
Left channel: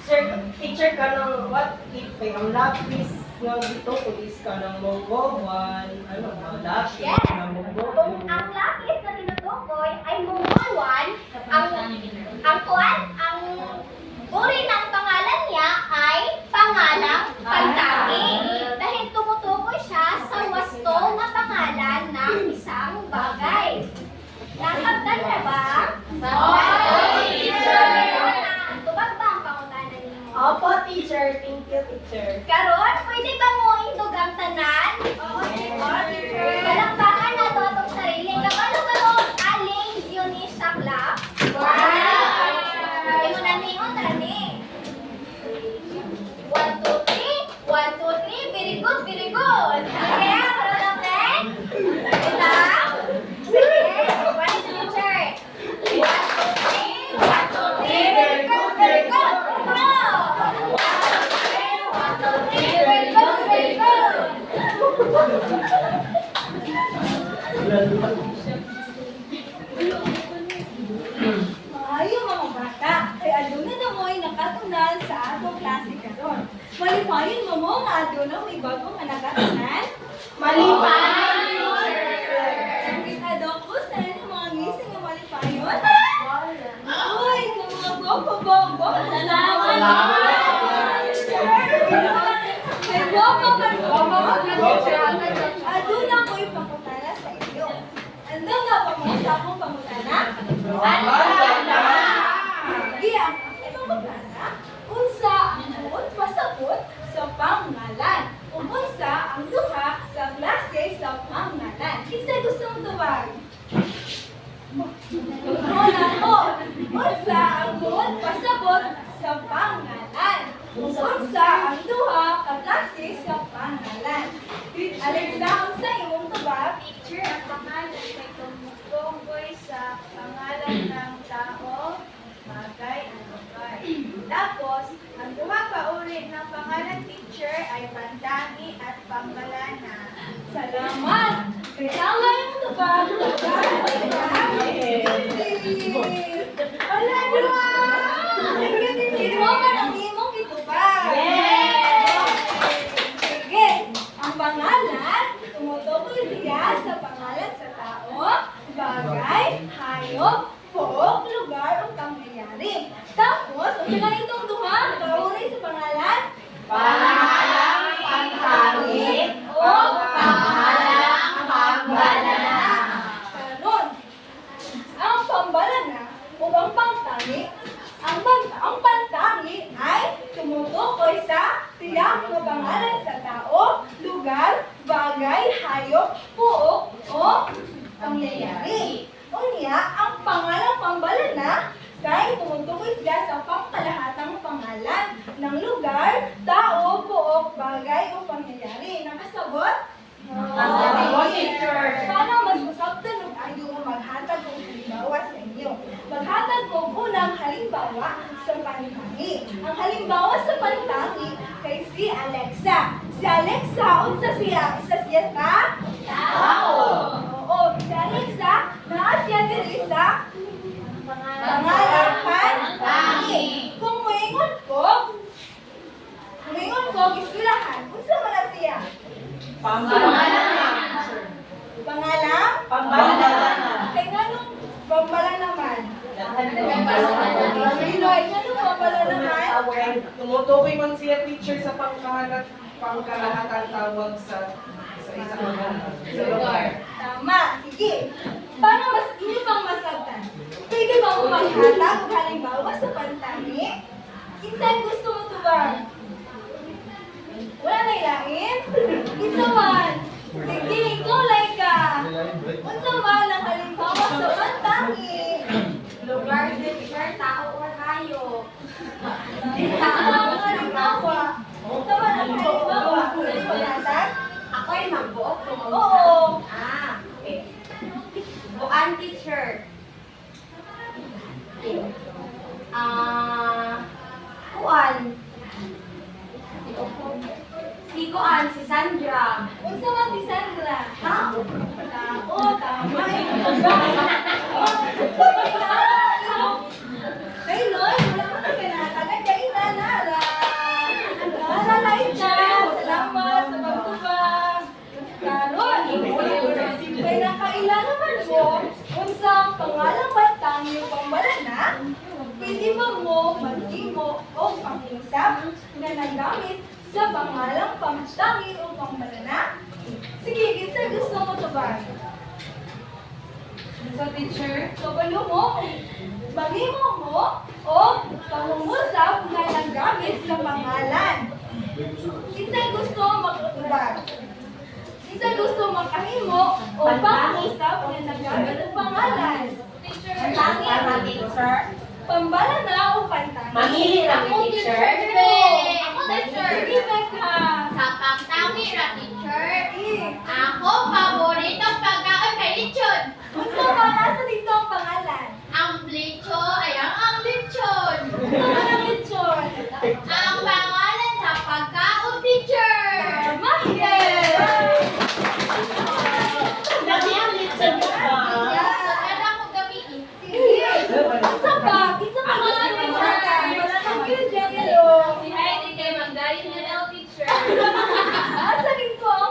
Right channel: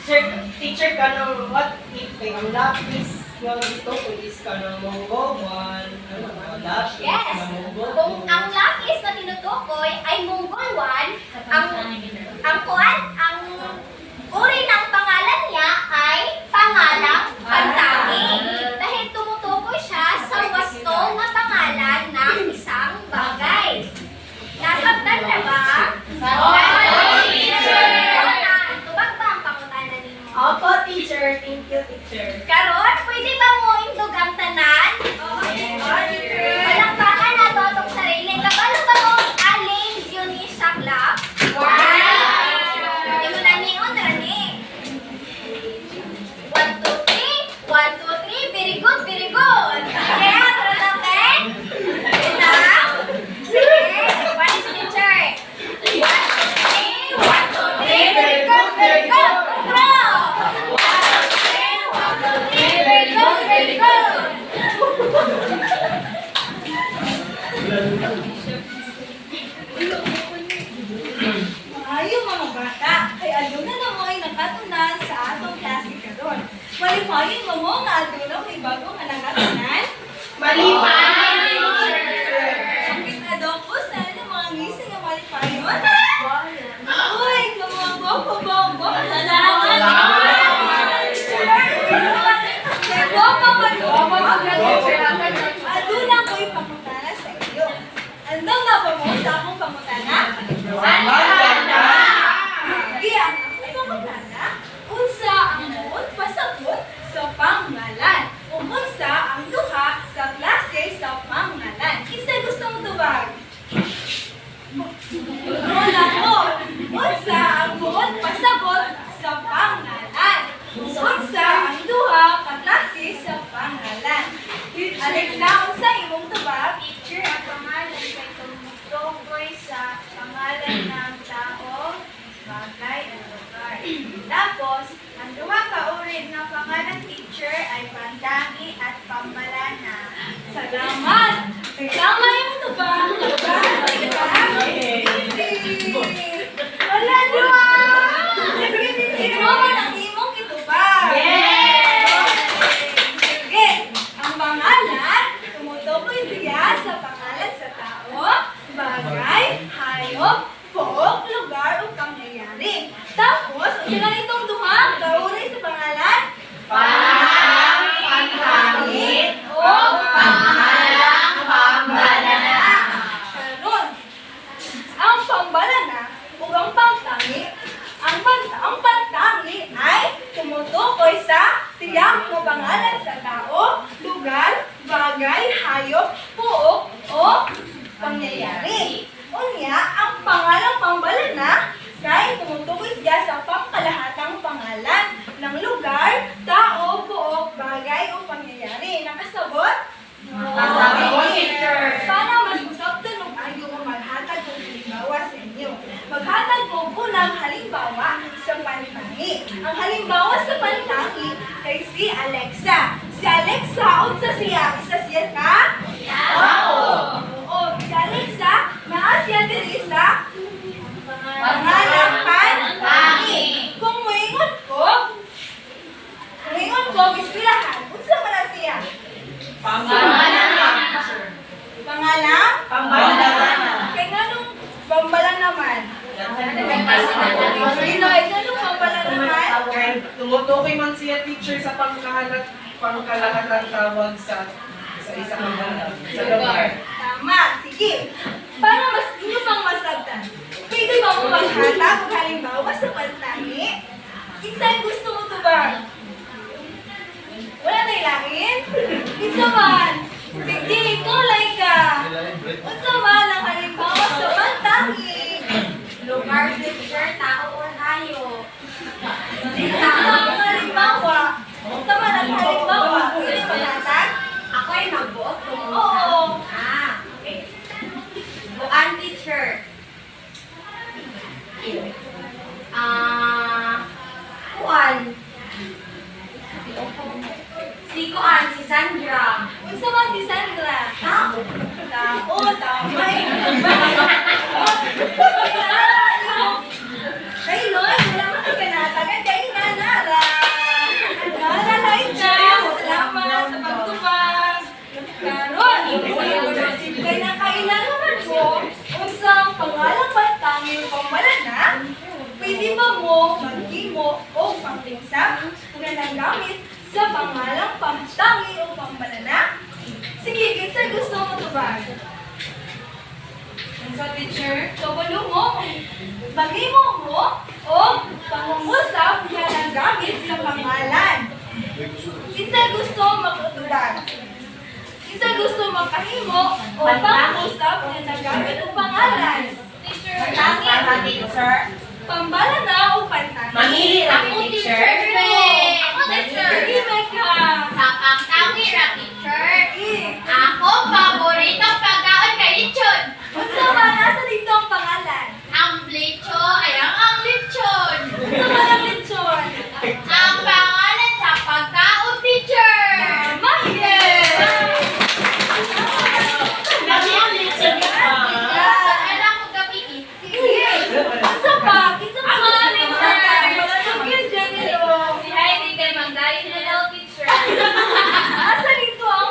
Sir, teacher ka ng what if kay ang lapis nga dito is ka ng monggowan, ano ba, lapis Yes. na monggowan. Kung ang lapis na tinutukoy ay mungolwan, ang uri ng pangalan niya ay pangalang pantangi. Dahil tumutukoy siya sa wasto na pangalan ng isang bagay. Nasabtan na ba? Tubag ba ang pangutana ninyo? Opo, teacher. Thank you, teacher. Karon, pwede ba mo indog ang tanan? Palakpakan na to atong sarili. Kabalo ba mo aling yun sa club? Hindi mo na niyon, Rani. 1, 2, 3. 1, 2, 3. Very good, very good. Sige, tara natin. Ito. Sige, one is teacher. 1, 2, 3. 1, 2, 3. Very good, very good. Bro. 1, 2, 3. 1, 2, 3. Very good, very good. Maayo mga bata, ay aduna na mo'y nakatunan sa atong klase karon. Malipayon mo mo nga aduna may bagong nga nakatunan. Malipayon, Ang kitadokos na ano mga ngising nga malipayon. Uy, ka mga boko-boko. Salamat. Kay boko aduna ko'y pangutana sa iyo. Ano nga ba mo sa akong pangutana? Sige, may pangutana. Unsa ang Alexa, unsa imong tubag? Teacher, ang pangalan kay tumutukoy sa pangalan ng tao, bagay, o lugar. Tapos, ang duha ka uri ng pangalan teacher ay pandangi at pambalana. Salamat! Tama yung tubag. Wala, diwa! Sige, mo man ang imong itubag. Sige, ang pangalan, tumutukoy siya sa pangalan sa tao, bagay, hayop, pook, lugar, o pangyayari. Tapos, ang sila nitong duha, kauray sa pangalan? Panghangit o pangalang pambalana. Karon, ang pambalana o ang pangtangi, ang pantangi ay tumutukoy sa tiyak na pangalan sa tao, lugar, bagay, hayop, puok, o pangyayari. Unya, ang pangalang pambalana kay tumutukoy siya sa pangkalahatang pangalan ng lugar, tao, puok, bagay, o pangyayari. Nakasabot? Nakasabot, teacher. Para mas usaptan ng ayo o maghatag ng halimbawa sa inyo. Maghatag ko unang halimbawa sa pantangi. Ang halimbawa sa pantangi kay si Alexa. Si Alexa, unsa siya? Isa siya ka? Tao. Oo, si Alexa, naa siya diri sa pangalang pantangi. Kung muingon ko, ispilahan, unsa man na siya? Pambalana. Pangalang? Pambalana. Kaya nga nung pambalan naman. Pinoy, nga nung pambalan naman. Tumutukoy man siya teacher sa pangkalahatang tawag sa isang lugar. Tama, sige. Para mas inyo pang masabtan, pwede ba mo maghatag kung halimbawa sa pantangi? Insaan gusto mo to ba? Wala na ilahin? Isa man. Sige, ikaw like ka. Unsa man ang halimbawa sa pantangi? Lugar, teacher, tao, or hayop. Unsa ang halimbawa? Unsa man ang halimbawa? Pwede maghatag? Ako ay magbuot. Oo. Okay. Buan, teacher. Kuan. Si Kuan, si Sandra. Unsa man si Sandra? Tao. Tama. Hey, Loy, wala man ka natagan kay Nanara. Nanara, ikaw. Salamat sa pagtubag. Karon, kay nakailangan man ko, unsang pangalang pantangi o pambalana, pwede ba mo maghimo o pangtingsap na nagamit sa pangalang pantangi o pambalana? Sige, kinsa gusto mo tubag? Sa teacher, kabalo mo, maghimo mo o pangungusap na nagamit sa pangalan. Kinsa gusto magtubag? Kinsa gusto makahimo o pangungusap na nagamit ang pangalan? Teacher. Pambalana o pantangi? Mamili kami, teacher. Ako, teacher. Sige, Becca. Sa pangtangi ra, teacher. Sige. Ako, paboritong pagkaon kay lechon. Unsa ba nasa dito ang pangalan? Ang lechon ay ang lechon. Unsa man ang lechon? Ang pangalan sa pagkaon, teacher. Tama, yes! Sa kanya ko gamitin. Sige. Unsa ba? Kinsa man ang lechon? Sige, Janelo. Si Heidi kay Magdaling na daw, teacher. Nasa dito ang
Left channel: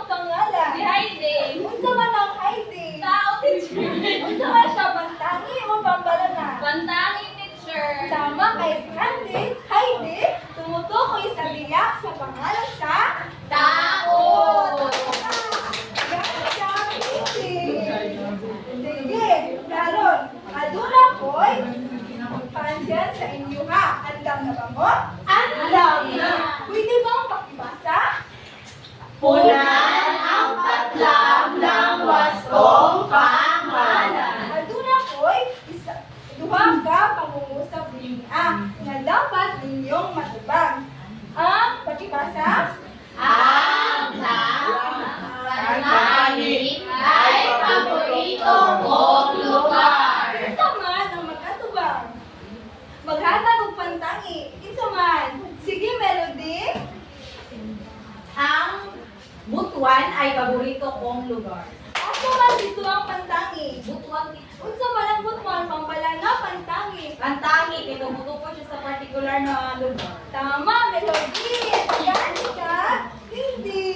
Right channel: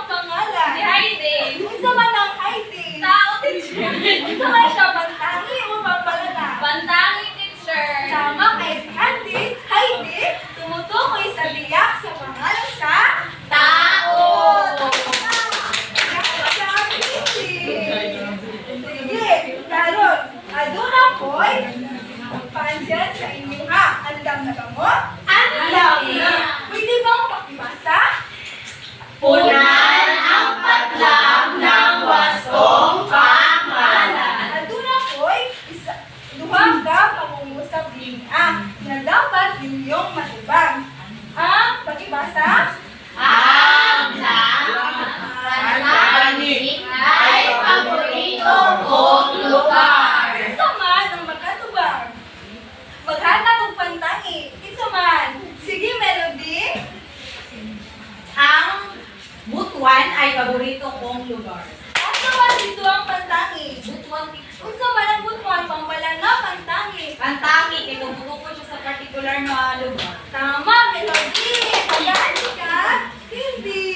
Butuan ay paborito kong lugar. Asa man dito ang pantangi? Butuan teacher. Unsa man ang butuan pambalanga pantangi? Pantangi, kay tumutukod siya sa particular na lugar. Tama, Melody. Tagahan ka? Hindi.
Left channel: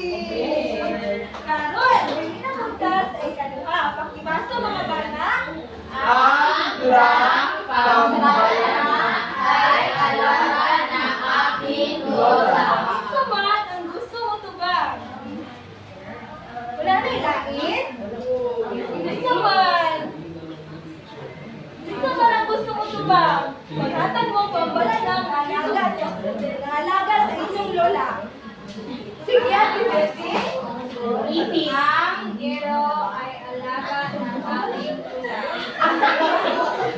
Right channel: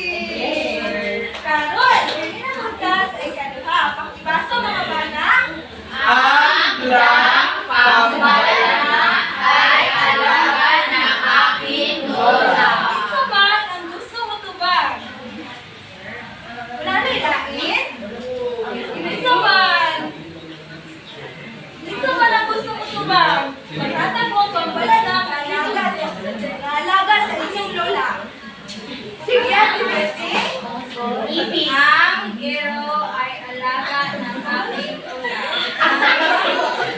Karon, hindi na magkas ay kaduha. Pakibasa mga bana. Ang lang pambalana ay alaga ng aking lola. Unsa man ang gusto mo tubag? Wala na ilangit? Unsa man? Unsa man ang gusto mo tubag? Paghatag mo pambalana alaga sa inyong lola. Sige, Ate Bessie. Ipis. Ang gero ay alaga ng aking lola.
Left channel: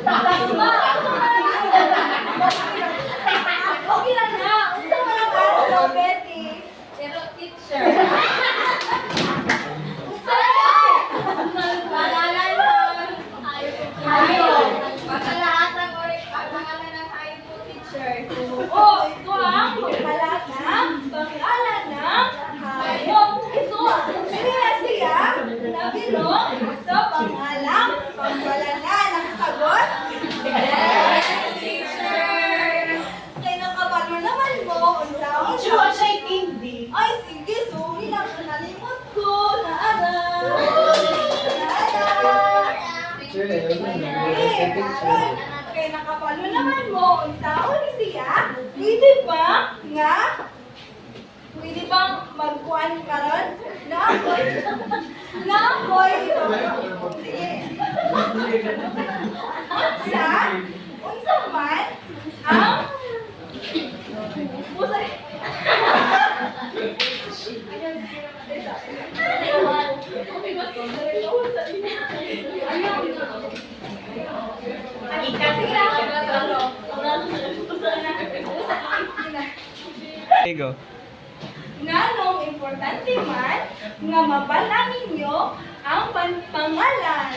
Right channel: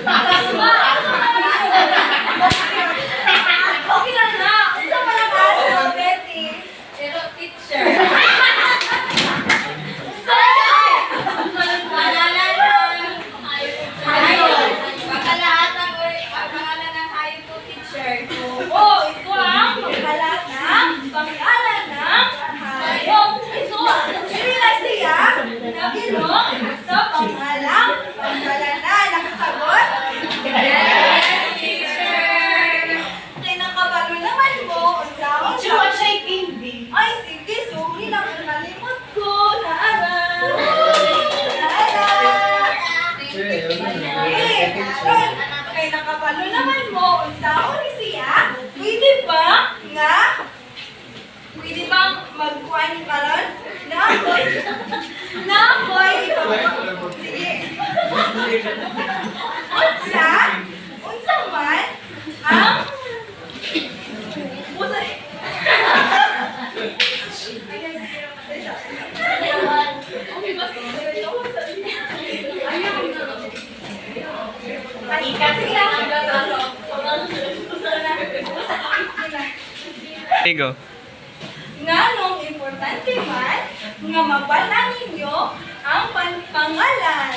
Tama. Okay lang na. Unsa man ang aso, Betty? Pero teacher. Pangalan ng Hayop. Pagkalaatan or pangalan ng hayop ko, teacher. Oo, ito ang panghalat ng pangalan ng hayop. Ito, sila siya nagilong sa pangalang panghalana. Nakasagot? Yes, teacher. Kaya nakabalo naman mo, unsaon Chua siya hindi. Ay, sige, sorry lang kung nalimot ko. Naara. Eh, karon, kay nakapalo naman mo, unsaon ni siya? Pwede ba nga? Pwede bang magkuhan karon? Naamoy. Naamoy. Sige. Unsa man ang Go. nganong importante man nga mabala ninyo ang pangalan.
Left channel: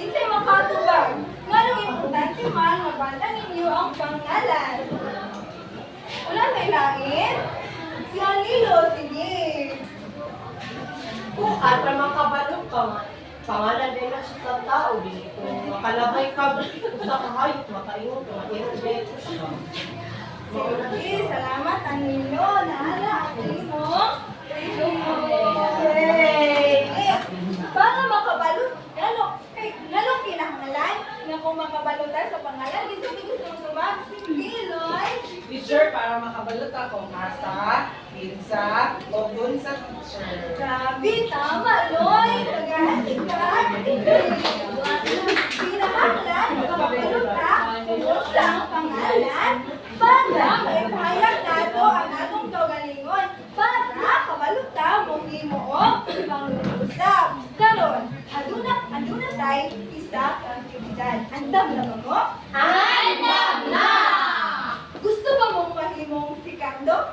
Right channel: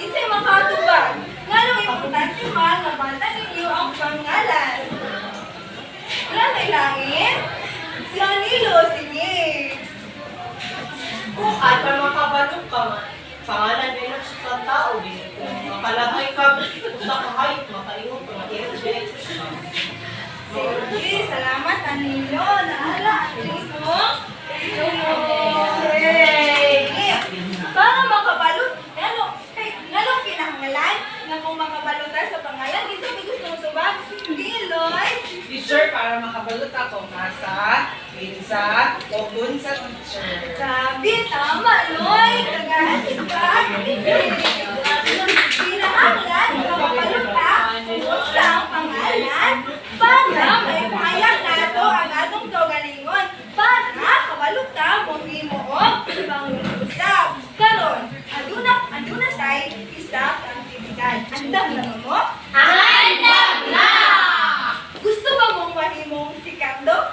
Kinsay makatubag? Nganong importante man mabala ninyo ang pangalan. Wala may langit? Si Anilo, sige. Kung at makabalo ka man, pangalan din na sa tao din. Kung makalagay ka sa kahayop, makaingon ka, ma-energy ko siya. Sige, salamat Anilo. Naala, Anilo mo. Sige. Para makabalot, lalo kinahanglan na kung makabalot tayo sa pangalan, dito may gusto mo tubag. Sige, Lloyd. Teacher, para makabalot ako, nasa, pinsa, o dun sa teacher. Grabe, tama, Lloyd. Kagahan ka. Kinahanglan, makabalot ka kung sa ang pangalan para may payag nato ang atong kaugalingon para kabalot ka mong himuong pangusap. Karon, aduna tay isa ka aktividad. Andam na ba mo? Andam na! Gusto ba mong mahimong si Cardo?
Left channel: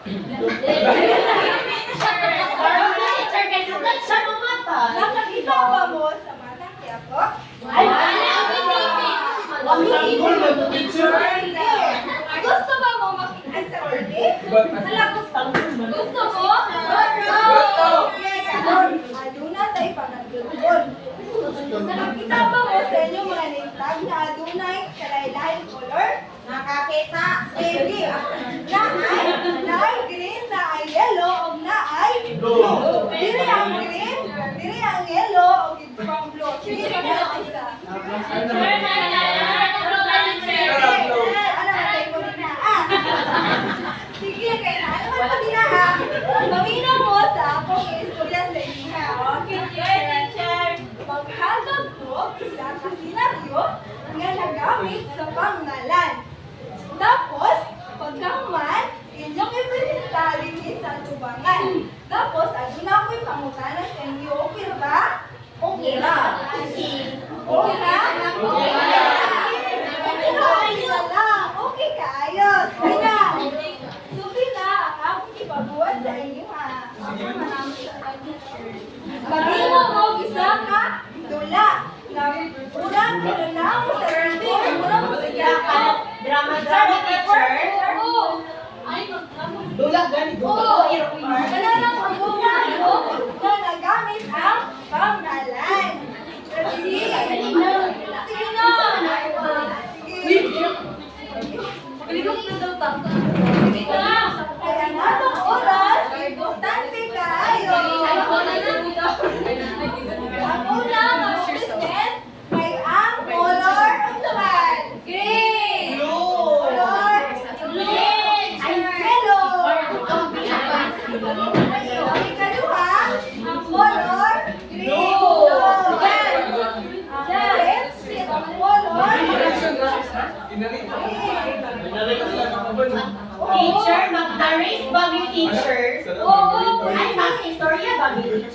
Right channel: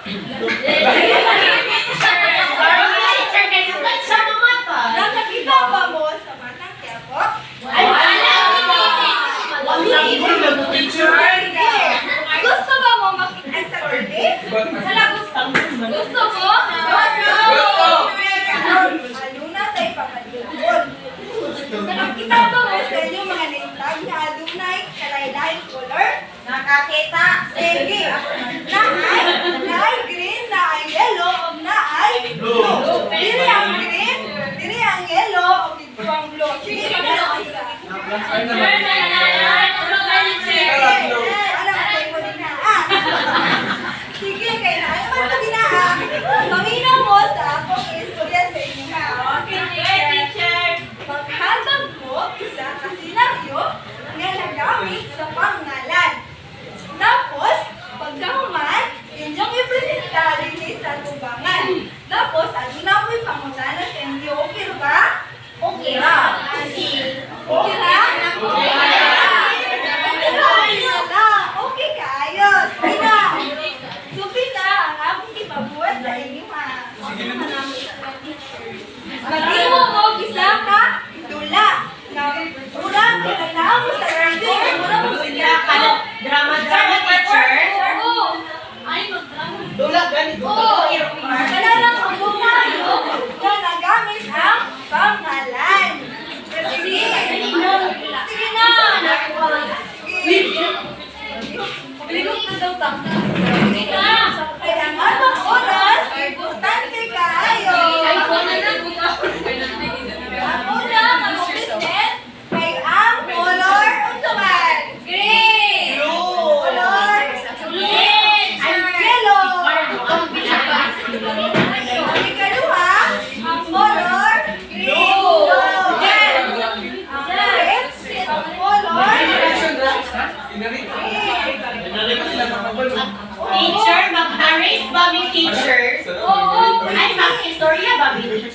Sa mga mata. Nakakita ba mo sa matang tiyapo? Hindi. Gusto ba mo makita sa birthday? Gusto mo? Gusto. Aduna tayo pangatulog. Nakakita ba mo sa inyo mga name tag na adunay kalay-layong color? Nakakita? Sige. Naay green, naay yellow, o naay blue. Dili ang green, dili ang yellow, o pang blue. Sige, ano isa? Ano matay mo din na? Sige, kaya na. Ano man mo din na? Paminaw mo sa akong istorya sa inyo ha. Okay, teacher. Maghandang ko isa ka senaryo nga nagamit sa pangalan. Tapos, pagkahuman, inyong ipresenta din sa tubangan. Tapos, aduna ko'y pangutana sa inyo. Okay ba? Okay ra. Okay ra? Okay ra. Okay lang. Okay kayo. Sige na. Supi na ang akong ipabuhat sa inyo ha. Maghimo mo bisa ka dula. Na urang kinanaw mo sa TV. Mura mo sila ka. Drama, teacher. Oo. Dula, ganito. Oo. Kailangan ang buka.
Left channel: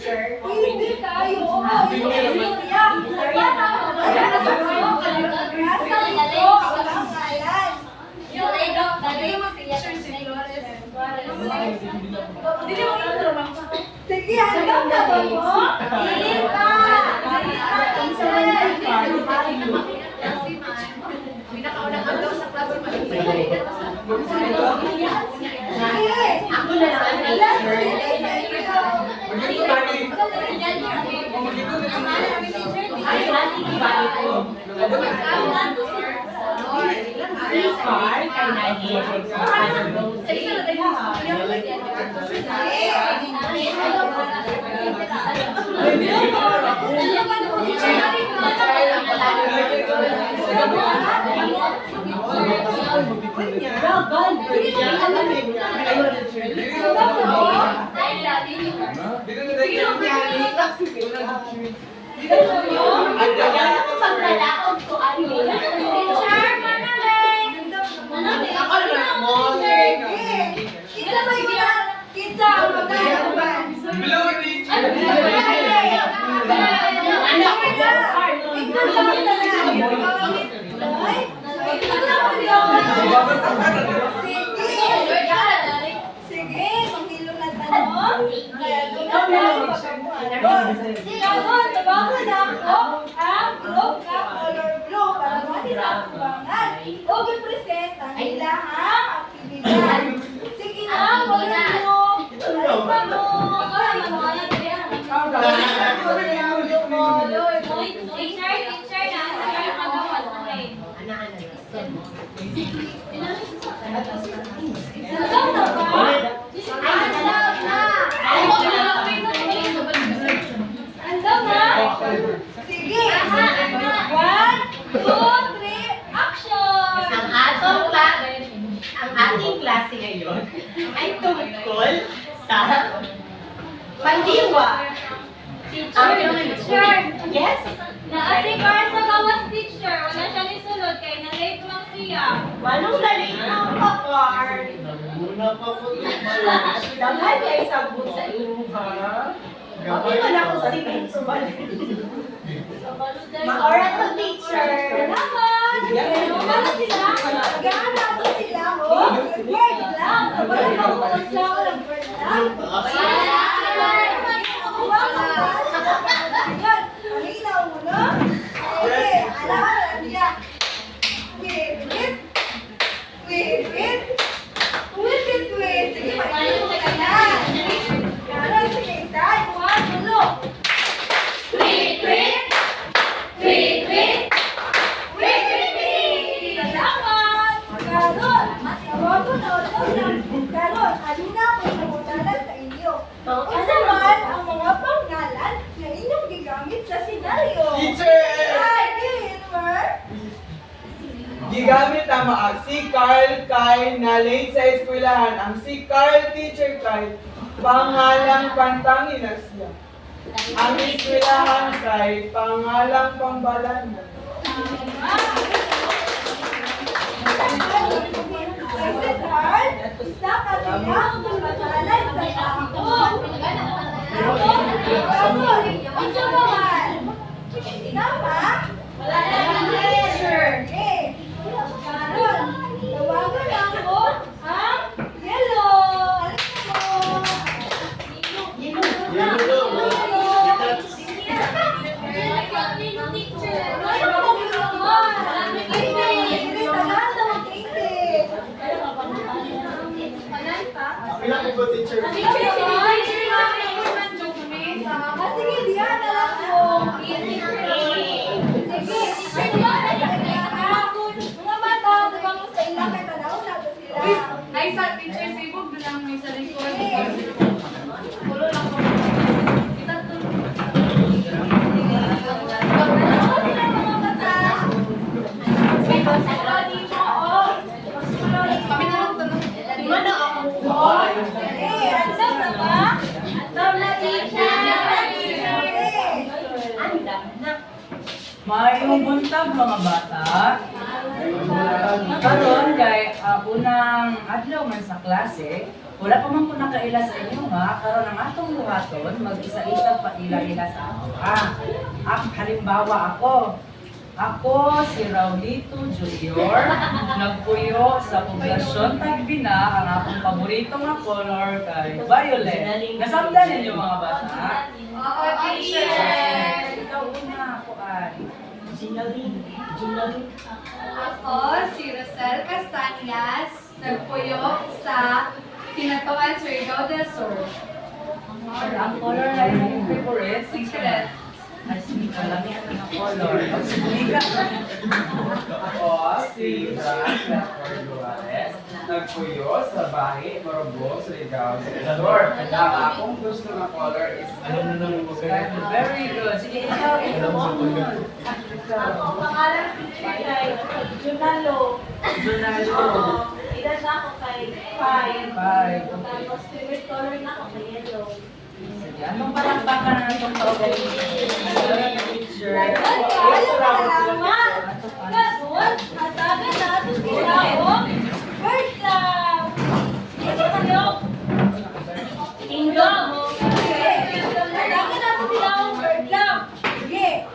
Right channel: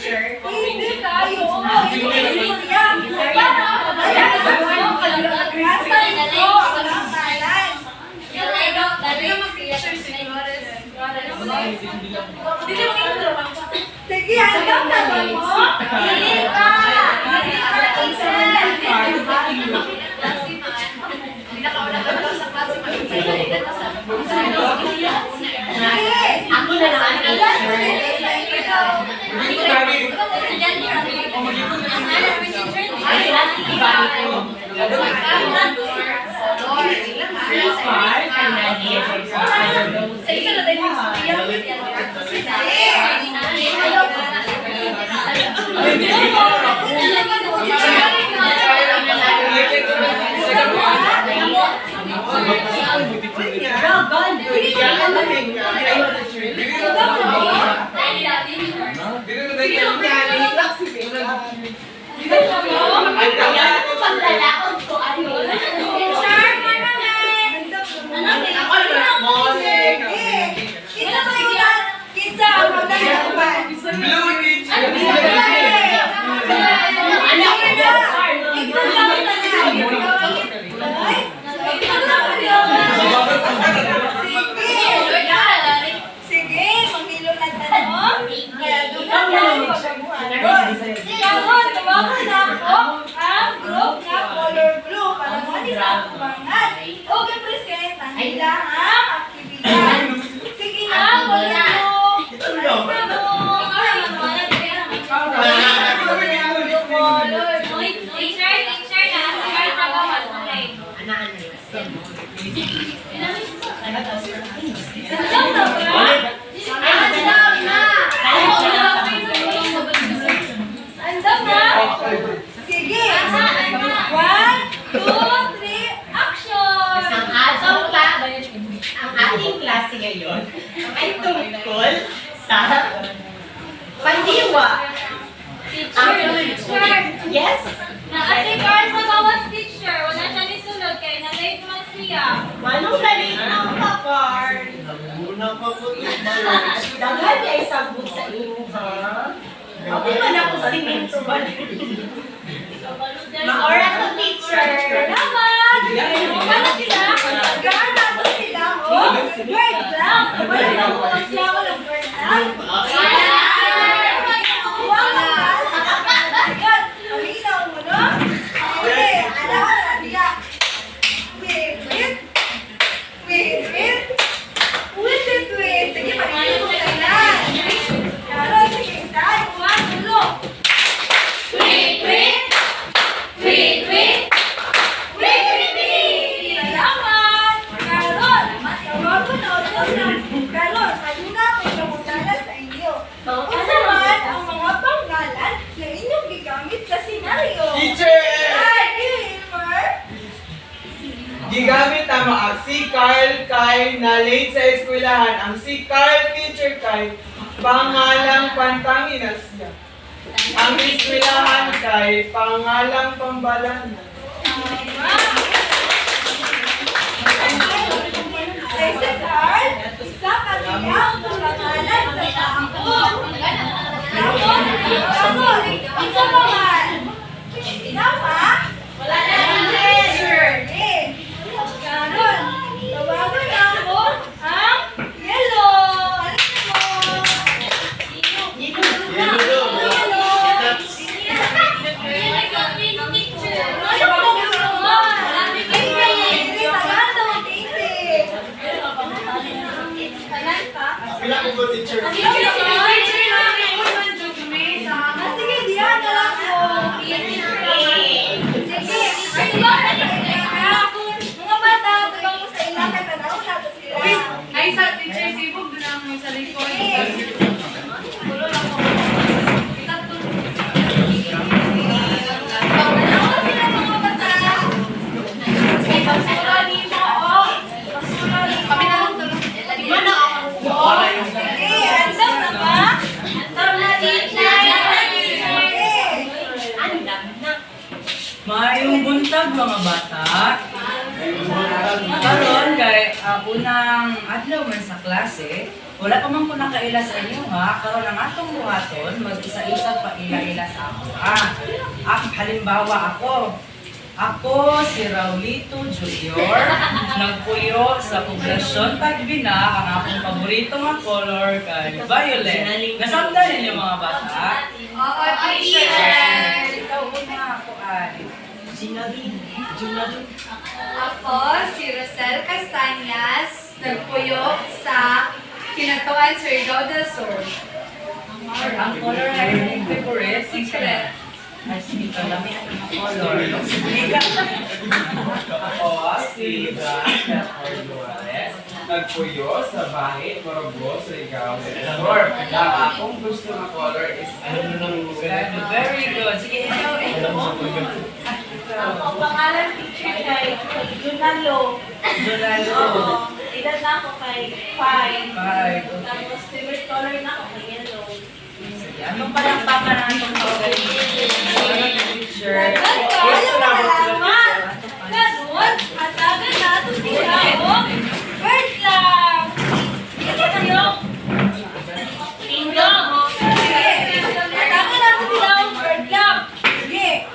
teacher. Hindi tayo. Hindi istorya. Para wala sa mga kalagasan ko. Walang ngalan. Sige, hanggang na ba mo? Hindi pa. Hindi pa. Ako na lang ang teacher. Sige, manghilo na tanong. Kaya doon na tayo magpabuharon. Karon, tawagan na ako ang group na color blue para manis ang kubangan. O represent ang ilang aktibidad. Sige na, color blue. Andam na? Sige. 1, 2, 3, action! Ang ating klase ngayon ay tungkol sa pandiwa. Teacher, Yes? naasi Carl sa gawas teacher. Wala siya nisulod kay na-late man siya. Manong lalit ang kakar. Nagmuna pa ko teacher. Daghan niya isabot sa imo, ha? Ako man ako sa intro ba? Maora to, teacher. Salamat! Wala sila? Gana to sila, oh! Word lang! Wala ko siya, walang word lang. Wala! Ayan, paminaw mo, no? Okay, alahan siya. Wait. Sige, paminaw mo ka na. Lalo, sige, dahil, one, tulo. Salamat! Karon, tawagon na utos ng karon. Ayun na ako namutala sa inyo. Isa man ang mga pangalan na inyong gigamit sa senaryo. Teacher! Ay, Elmer! Gigamit ang mga si Carl Kai na late sa eskwelahan. Ang si Carl Teacher Kai, pangalang pantangin na siya. Ang eskwelahan kay pangalang pambalanan. Ay, si Carl, isa ka niyang pangalan sa taon. Karon, isa pa man. Tama? Wala na Journey. Karon, tawagan na ako ang yellow. Ano mo? Pila ko ba teacher? Sige, diyan na lang po. Sige, mga bata, tubang mo sa ilang kay tanaw na to sila. Ay, sa teacher, sibog din ang may sa likod. Mayong buntag mga bata. Karon kay unang adlaw man sa klase, Wala pa man ko nakaila sa inyo nga, karon ang atong buhaton, mag-isa-isa pa ila-ila sa ako ha. Halimbawa ako. Ako si Raulito Jr. Nagpuyo sa poblasyon Tagbina. Ang akong paborito nga color kay violet. Nasabdan ninyo mga bata? Oo, teacher. Ikaw una ako ay. Ako, si Rosel Castañas, nagpuyo sa Kinatuan Surigao del Sur. Ang color ay yung favorite. Secret. Ay, sige ka lang yung color. Sige ka. Ako si Veronica Corduales, nagpuyo sa Bahit, Morogoro, Surigao del Sur. Ang akong gusto na color is Very good. Sige, ikaw. Ako, pangalan teacher kay Junalo. Jonalo. Edad na ako kay 5. Five. Tapos favorite color na ako kay yellow. Anong palakpakan na itong teacher? Salamat! Ganun, hatagan na ito sila, oh. Word lang! Ito kayo. Tingdong. Sige, hatagan na ito sila, oh. Word lang. Sige.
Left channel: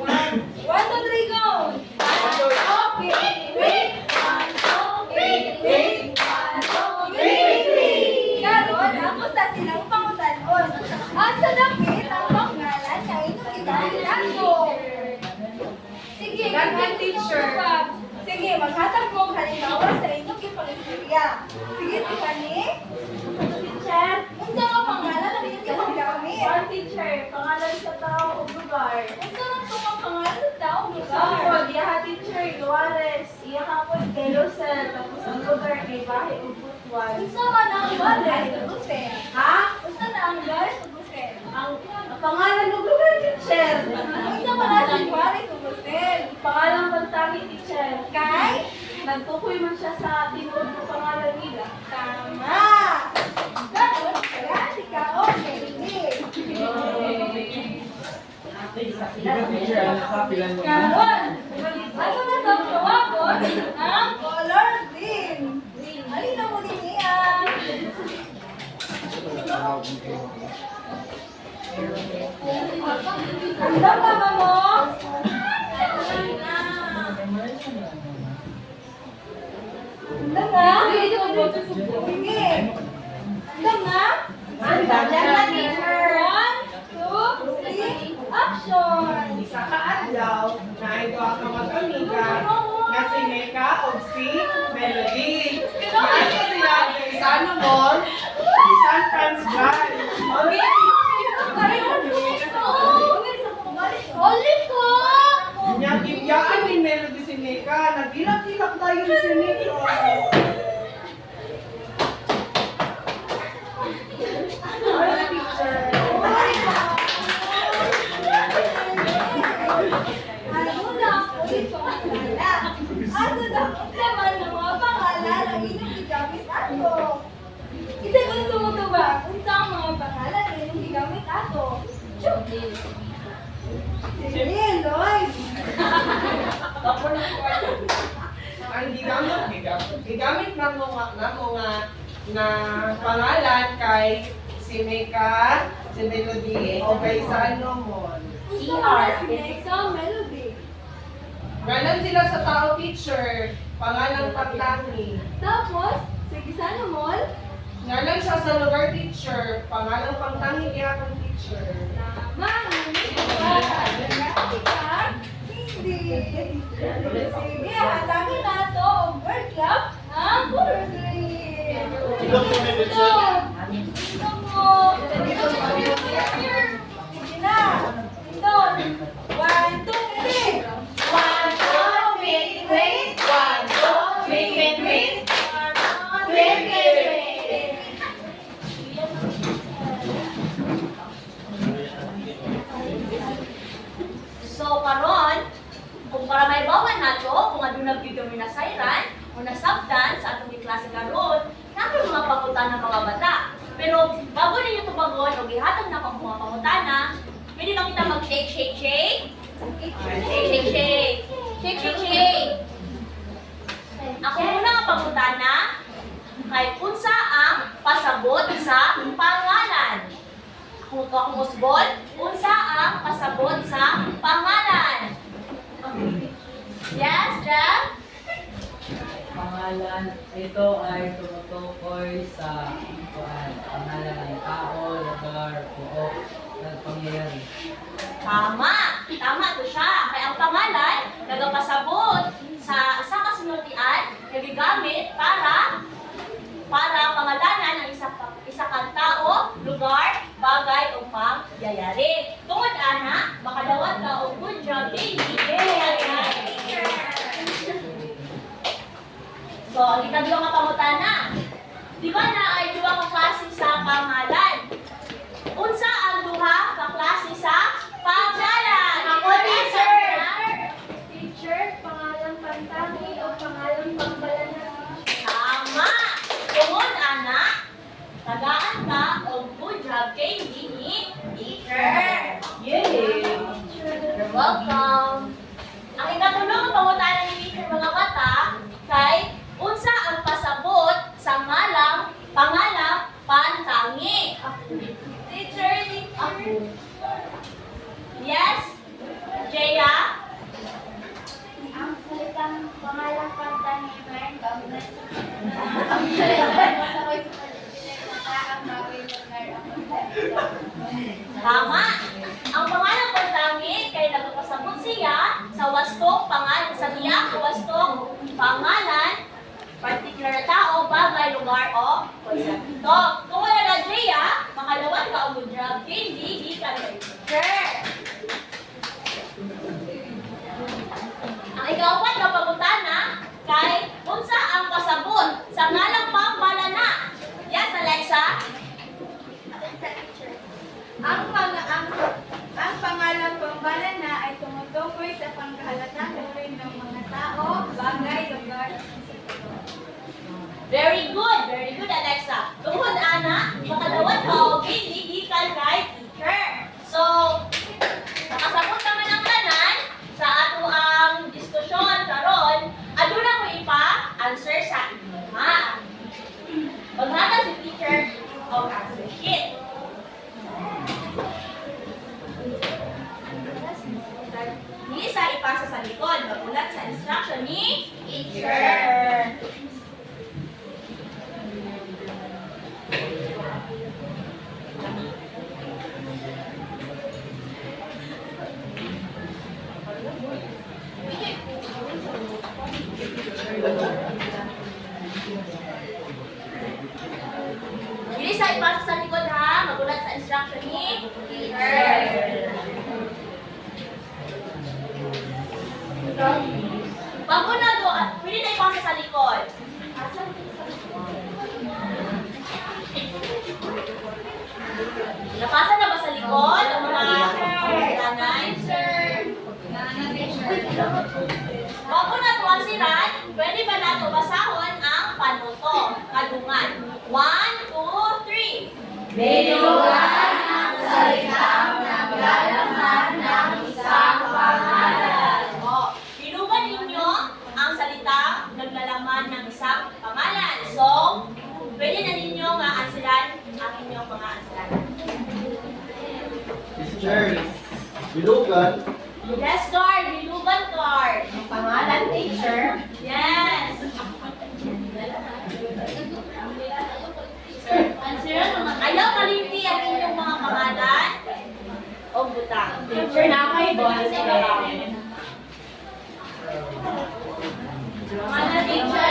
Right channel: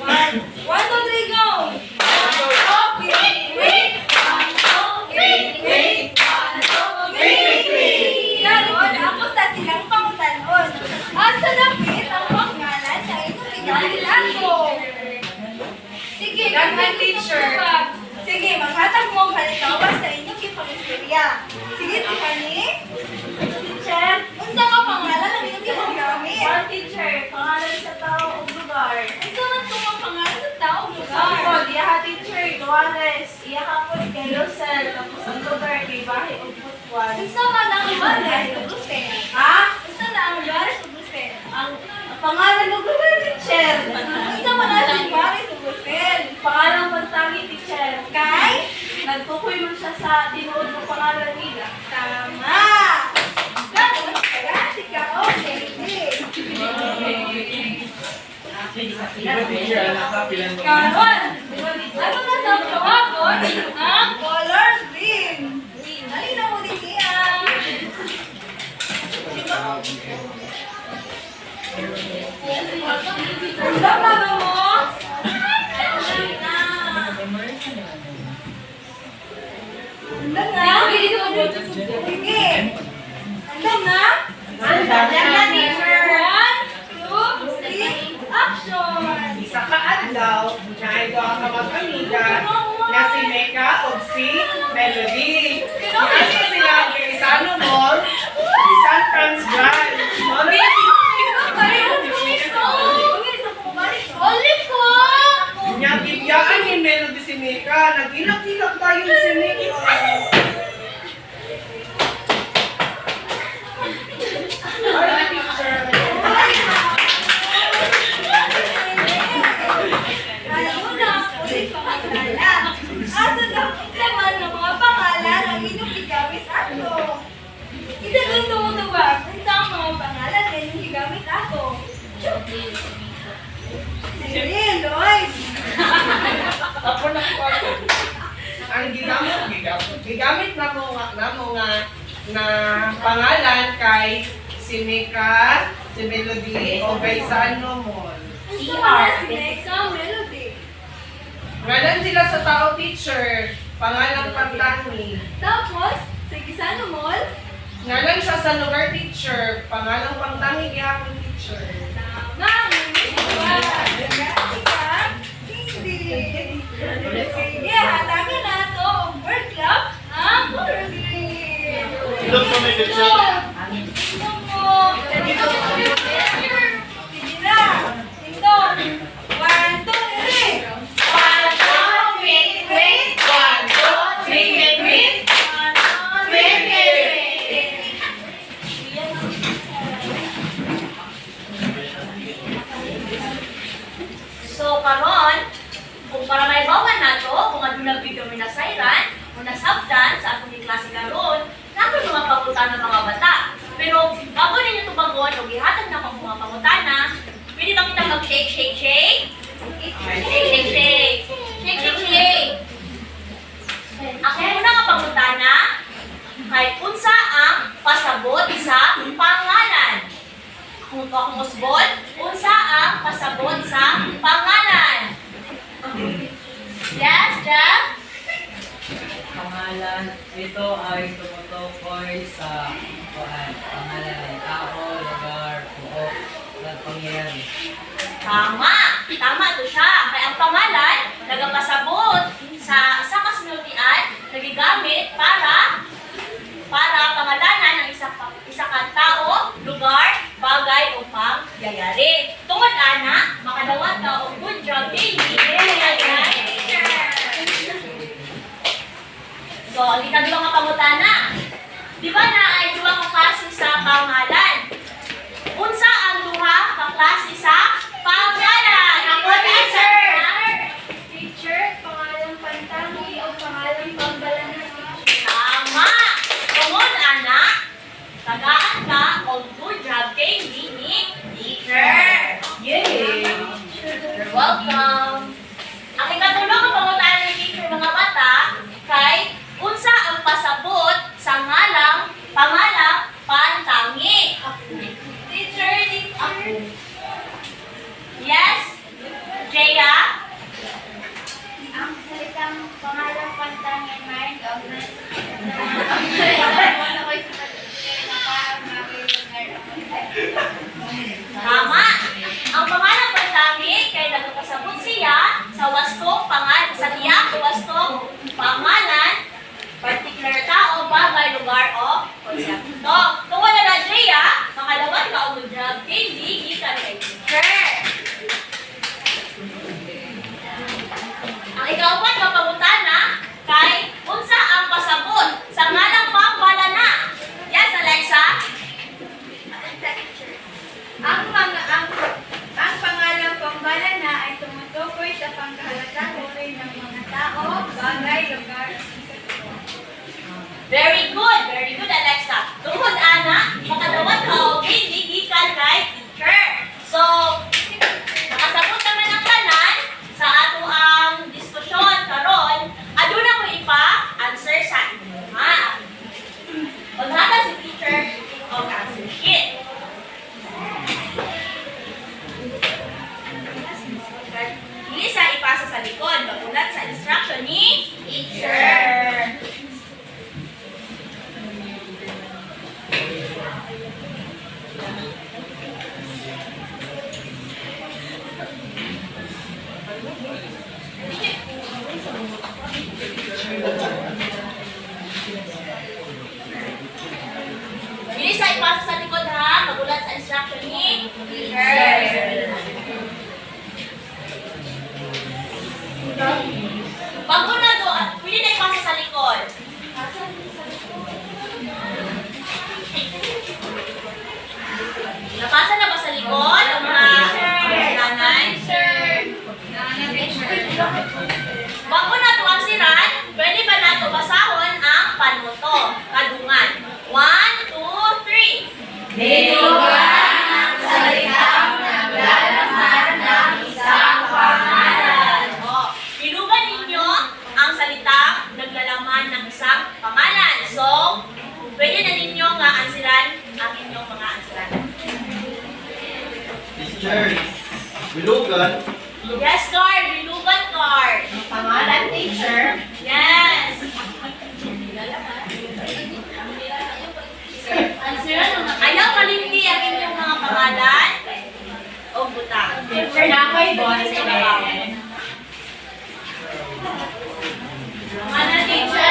1, 2, 3, go! Okay, wait. 1, 2, wait. 1, 2, wait. Ganun, ako sa silang pangutanon. Asa napit ang pangalan na inyong pinagilado? Sige, Daghang teacher. Sige, maghatag mo ang halimbawa sa inyong ipang-istorya. Sige, Tiffany. Teacher. Unsa nga pangalan ang inyong ginagamit? Teacher, pangalan sa tao o lugar. Unsa man kung ang pangalan sa tao o lugar? Ako, diya teacher, Duales. Iya kapon kay Rosel. Tapos ang lugar kay Bahay o Butwan. Unsa man ang Duales o Rosel? Ha? Unsa na ang Duales o Rosel? Ang pangalan ng lugar, teacher. Unsa man ang Duales o Rosel? Pangalan pagtangi, teacher. Kay? Nagtukoy man siya sa tinuod ng pangalan nila. Tama! Ganun, kaya tika, okay. Karon, ano na sa tawagod? Ang color green. Halina mo din niya. Andam na ba mo? Andam na? Sige. Andam na? Andam na, teacher. 1, 2, 3, action! isa ka adlaw na ito ang kamag-amiga na si Mecca o si Melody. Kasi sila ang Irisano Mall, San Francisco. Ulit ko! Nyagigyan ni Melody si Mecca. Nag-ilak-ilak tayo si Mecca. Ay, teacher. Alam mo na, ulit pangalan. Asa na naman ng mga pangalan ang inyong gigamit ato? Isa gusto mo ito ba? Kung saan mga pangalan na inyong gigamit ato? Sige, Lloyd! Ako na po. Ang gigamit na mo nga na pangalan kay si Mecca, si Melody, o kay Sano Mall. Gusto mo na si Nexa Melody. Galan sila sa tao, teacher. Pangalang Pagtangi. Tapos, sa Gisano Mall, Ngalan siya sa lugar, teacher. Pangalang Pagtangi, gihapon, teacher. tama, ngunit ba? Gagati ka? Hindi. Sige, hatagan na ito ang bird club, ang color green. Ilong mo may teacher. Ito mo. Sige na. Ito. 1, 2, 3. 1, 2, wait, wait. 1, 2, 3, wait, wait. 1, 2, 3, wait, wait. So karon, kung para may bawan nato, kung ano na video minasayran, o nasabdan sa atong klase karon, nato mga pangutana ng mga bata. Pero bago ninyo ito bagon, o gihatag na pang mga pangutana, pwede ba kita mag-shake, shake, shake? Shake, shake, shake. Shake, shake, shake. Ako muna nga pangutana, kay unsa ang pasabot sa pangalan? Kung usbon, unsa ang pasabot sa pangalan? Yes, Jeff? Pangalan, ito ay tumutukoy sa pangalan ng tao, lugar, buok, at pangyayari. Tama! Tama to siya. Kaya ang pangalan, nagapasabot sa isa kasunodian, nagigamit para pangalanan ng isa kang tao, lugar, bagay o pangyayari. Tungod ana, makadawat ka o good job, baby! So, ang ikadwa nga pangutana. Di ba na ay duha ka klase sa pangalan? Unsa ang duha ka klase sa pangalan? Ako, teacher! Teacher, pangalang pantangi o pangalang pambalanan. Tama! Tungod, anak, tagaan ka o good job kay ni teacher. Yay! You're welcome. Ang ikatulong ang pangutana ni teacher mga bata kay unsa ang pasabot sa pangalang pantangi. Teacher, ako. Yes? Jaya? Ang salitang pangalang pantangi ay kaugnay Tama. Ang pangalang pantangi kay nagpasabot siya sa wastong pangalan sa tiyak wastong pangalan, particular tao, bagay, lugar o konsepto. Kung wala na Drea, makalawat ka o good job, hindi ka kay teacher. Ang ikaapat na pangutana kay unsa ang pasabot sa ngalang pambalana. Yes, Alexa? Ang pangalang pambalana ay tumutukoy sa pangkahalatang uri ng mga tao, bagay, lugar, Very good, Alexa. Tungod, Ana, makadawat ka o hindi gikan kay teacher. So, nakasabot naman ang tanan sa ato ang diskusyon karon. Aduna ko ipa-answer sa inyo, ha? Pag naka si teacher, answer sheet. Hindi sa ipasa sa likod. Magulat sa instruction ni teacher. Bilis sa ipasa sa likod ha, magulat sa instruction ni teacher. Pag mo na doon, pwede na ipasa sa likod. Napasa na ba sa likod? Ang mga nanay? Wag mo na ito ang siran, pwede ba na ito basahon ang panuto? Kadungan. 1, 2, 3. Binugan ang salitang naglalaman ng isang pangalan. Binugan ninyo ang salitang naglalaman ng isang pangalan. So, pwede na ninyo nga ansiran ang inyong mga ansiranan. Teacher, bilugan. Yes, Guard. Bilugan, Guard. Pangalan, teacher. Yes. Ayaw kalimti ang inyong mga pangalan o butang. Teacher na kay boy. Ano, teacher?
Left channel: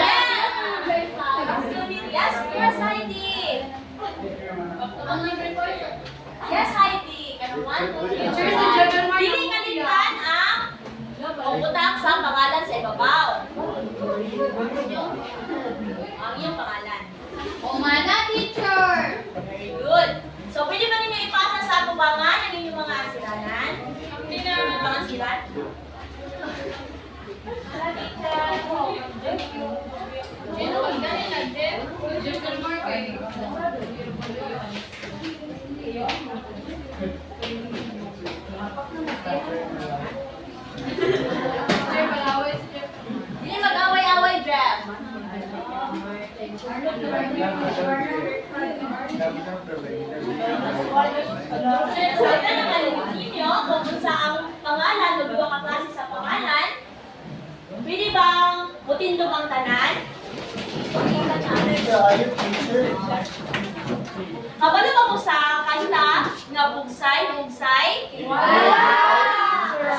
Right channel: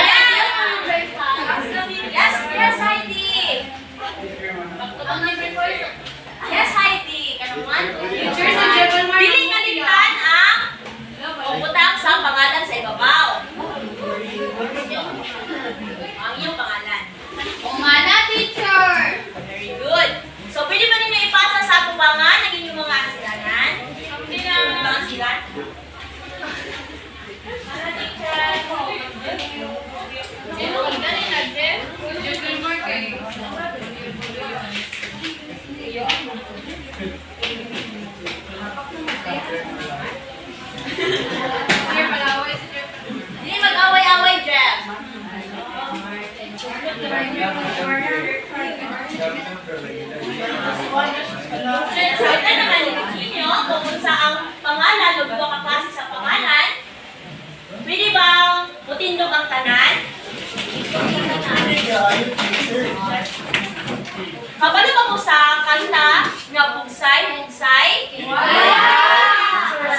Yes, Heidi. Yes, Heidi. Kanang 1, 2, 3. Teacher, si Jebel Mar- Dili kalimtan ang butang sa pangalan sa ibabaw. Ang iyong pangalan. Umana, teacher! Very good. So, pwede ba ninyo ipasa sa tubangan ang inyong mga ansiranan? Hindi na mga ansiran. Ano, teacher? Hindi mag-away-away, Jeff. Sa ito naman ninyo, kung sa ang pangalan, magbuwa ka klase sa pangalan, pwede bang mutindog ang tanan? Kabalo ba po sa kanta nga bugsay, bugsay?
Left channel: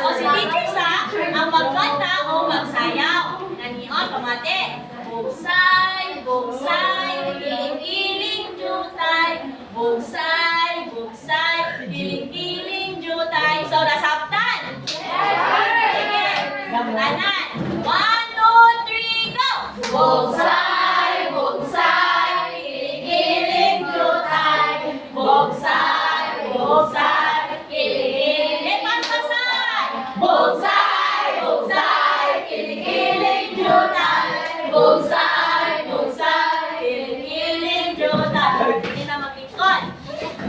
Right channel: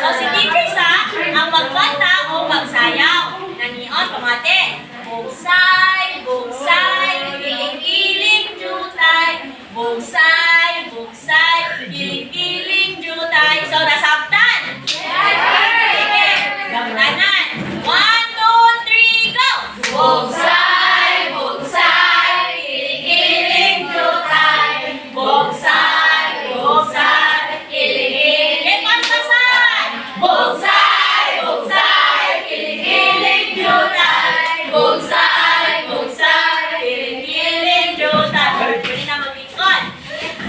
So si teacher sa ang magkanta o magsayaw. Nanion, pamate. Bugsay, bugsay, kiling-kiling jutay. Bugsay, bugsay, kiling-kiling jutay. So nasabtan? Sige, gamtanan. 1, 2, 3, go! Bugsay, bugsay, kiling-kiling jutay. Bugsay, bugsay, kiling-kiling. Pampasan! Bugsay, bugsay, kiling-kiling jutay. Bugsay, bugsay, kiling-kiling jutay. Pwede na mag-ikot.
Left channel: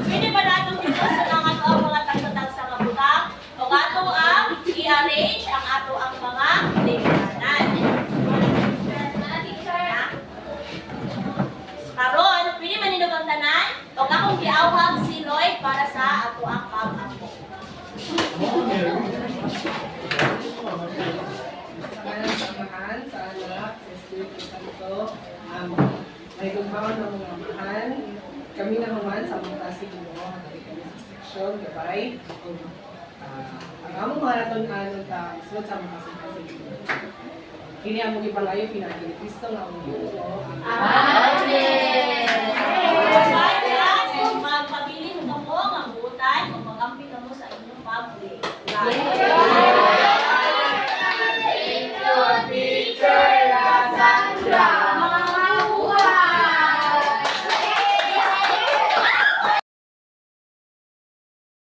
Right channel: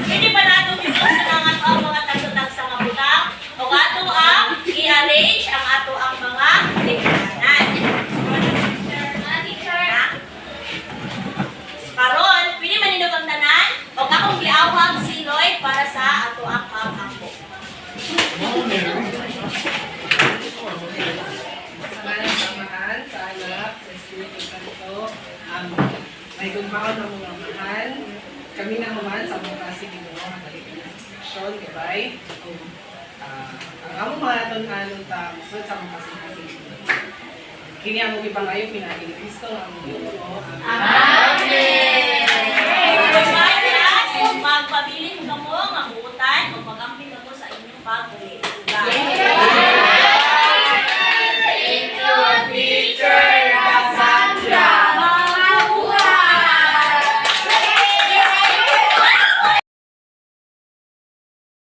Pwede pa natin dito sa mga tagtatag sa kabutang o ato ang i-arrange ang ato ang mga lingkaran. Karon, pwede manindog ang tanan o akong giawhag si Lloyd para sa ato ang pag-ampo. Samahan samahan sa anak, sa Espiritu Santo. May gumbaon ng mga amahan. Kami na human sa mga klase Ginoo ang nalikan sa seksyon, gabay. Ang among mga tunan ta sa mga klase Ginoo. Kini ang mga ipangayo pinagi ni Kristo nga among Ginoo. Amen!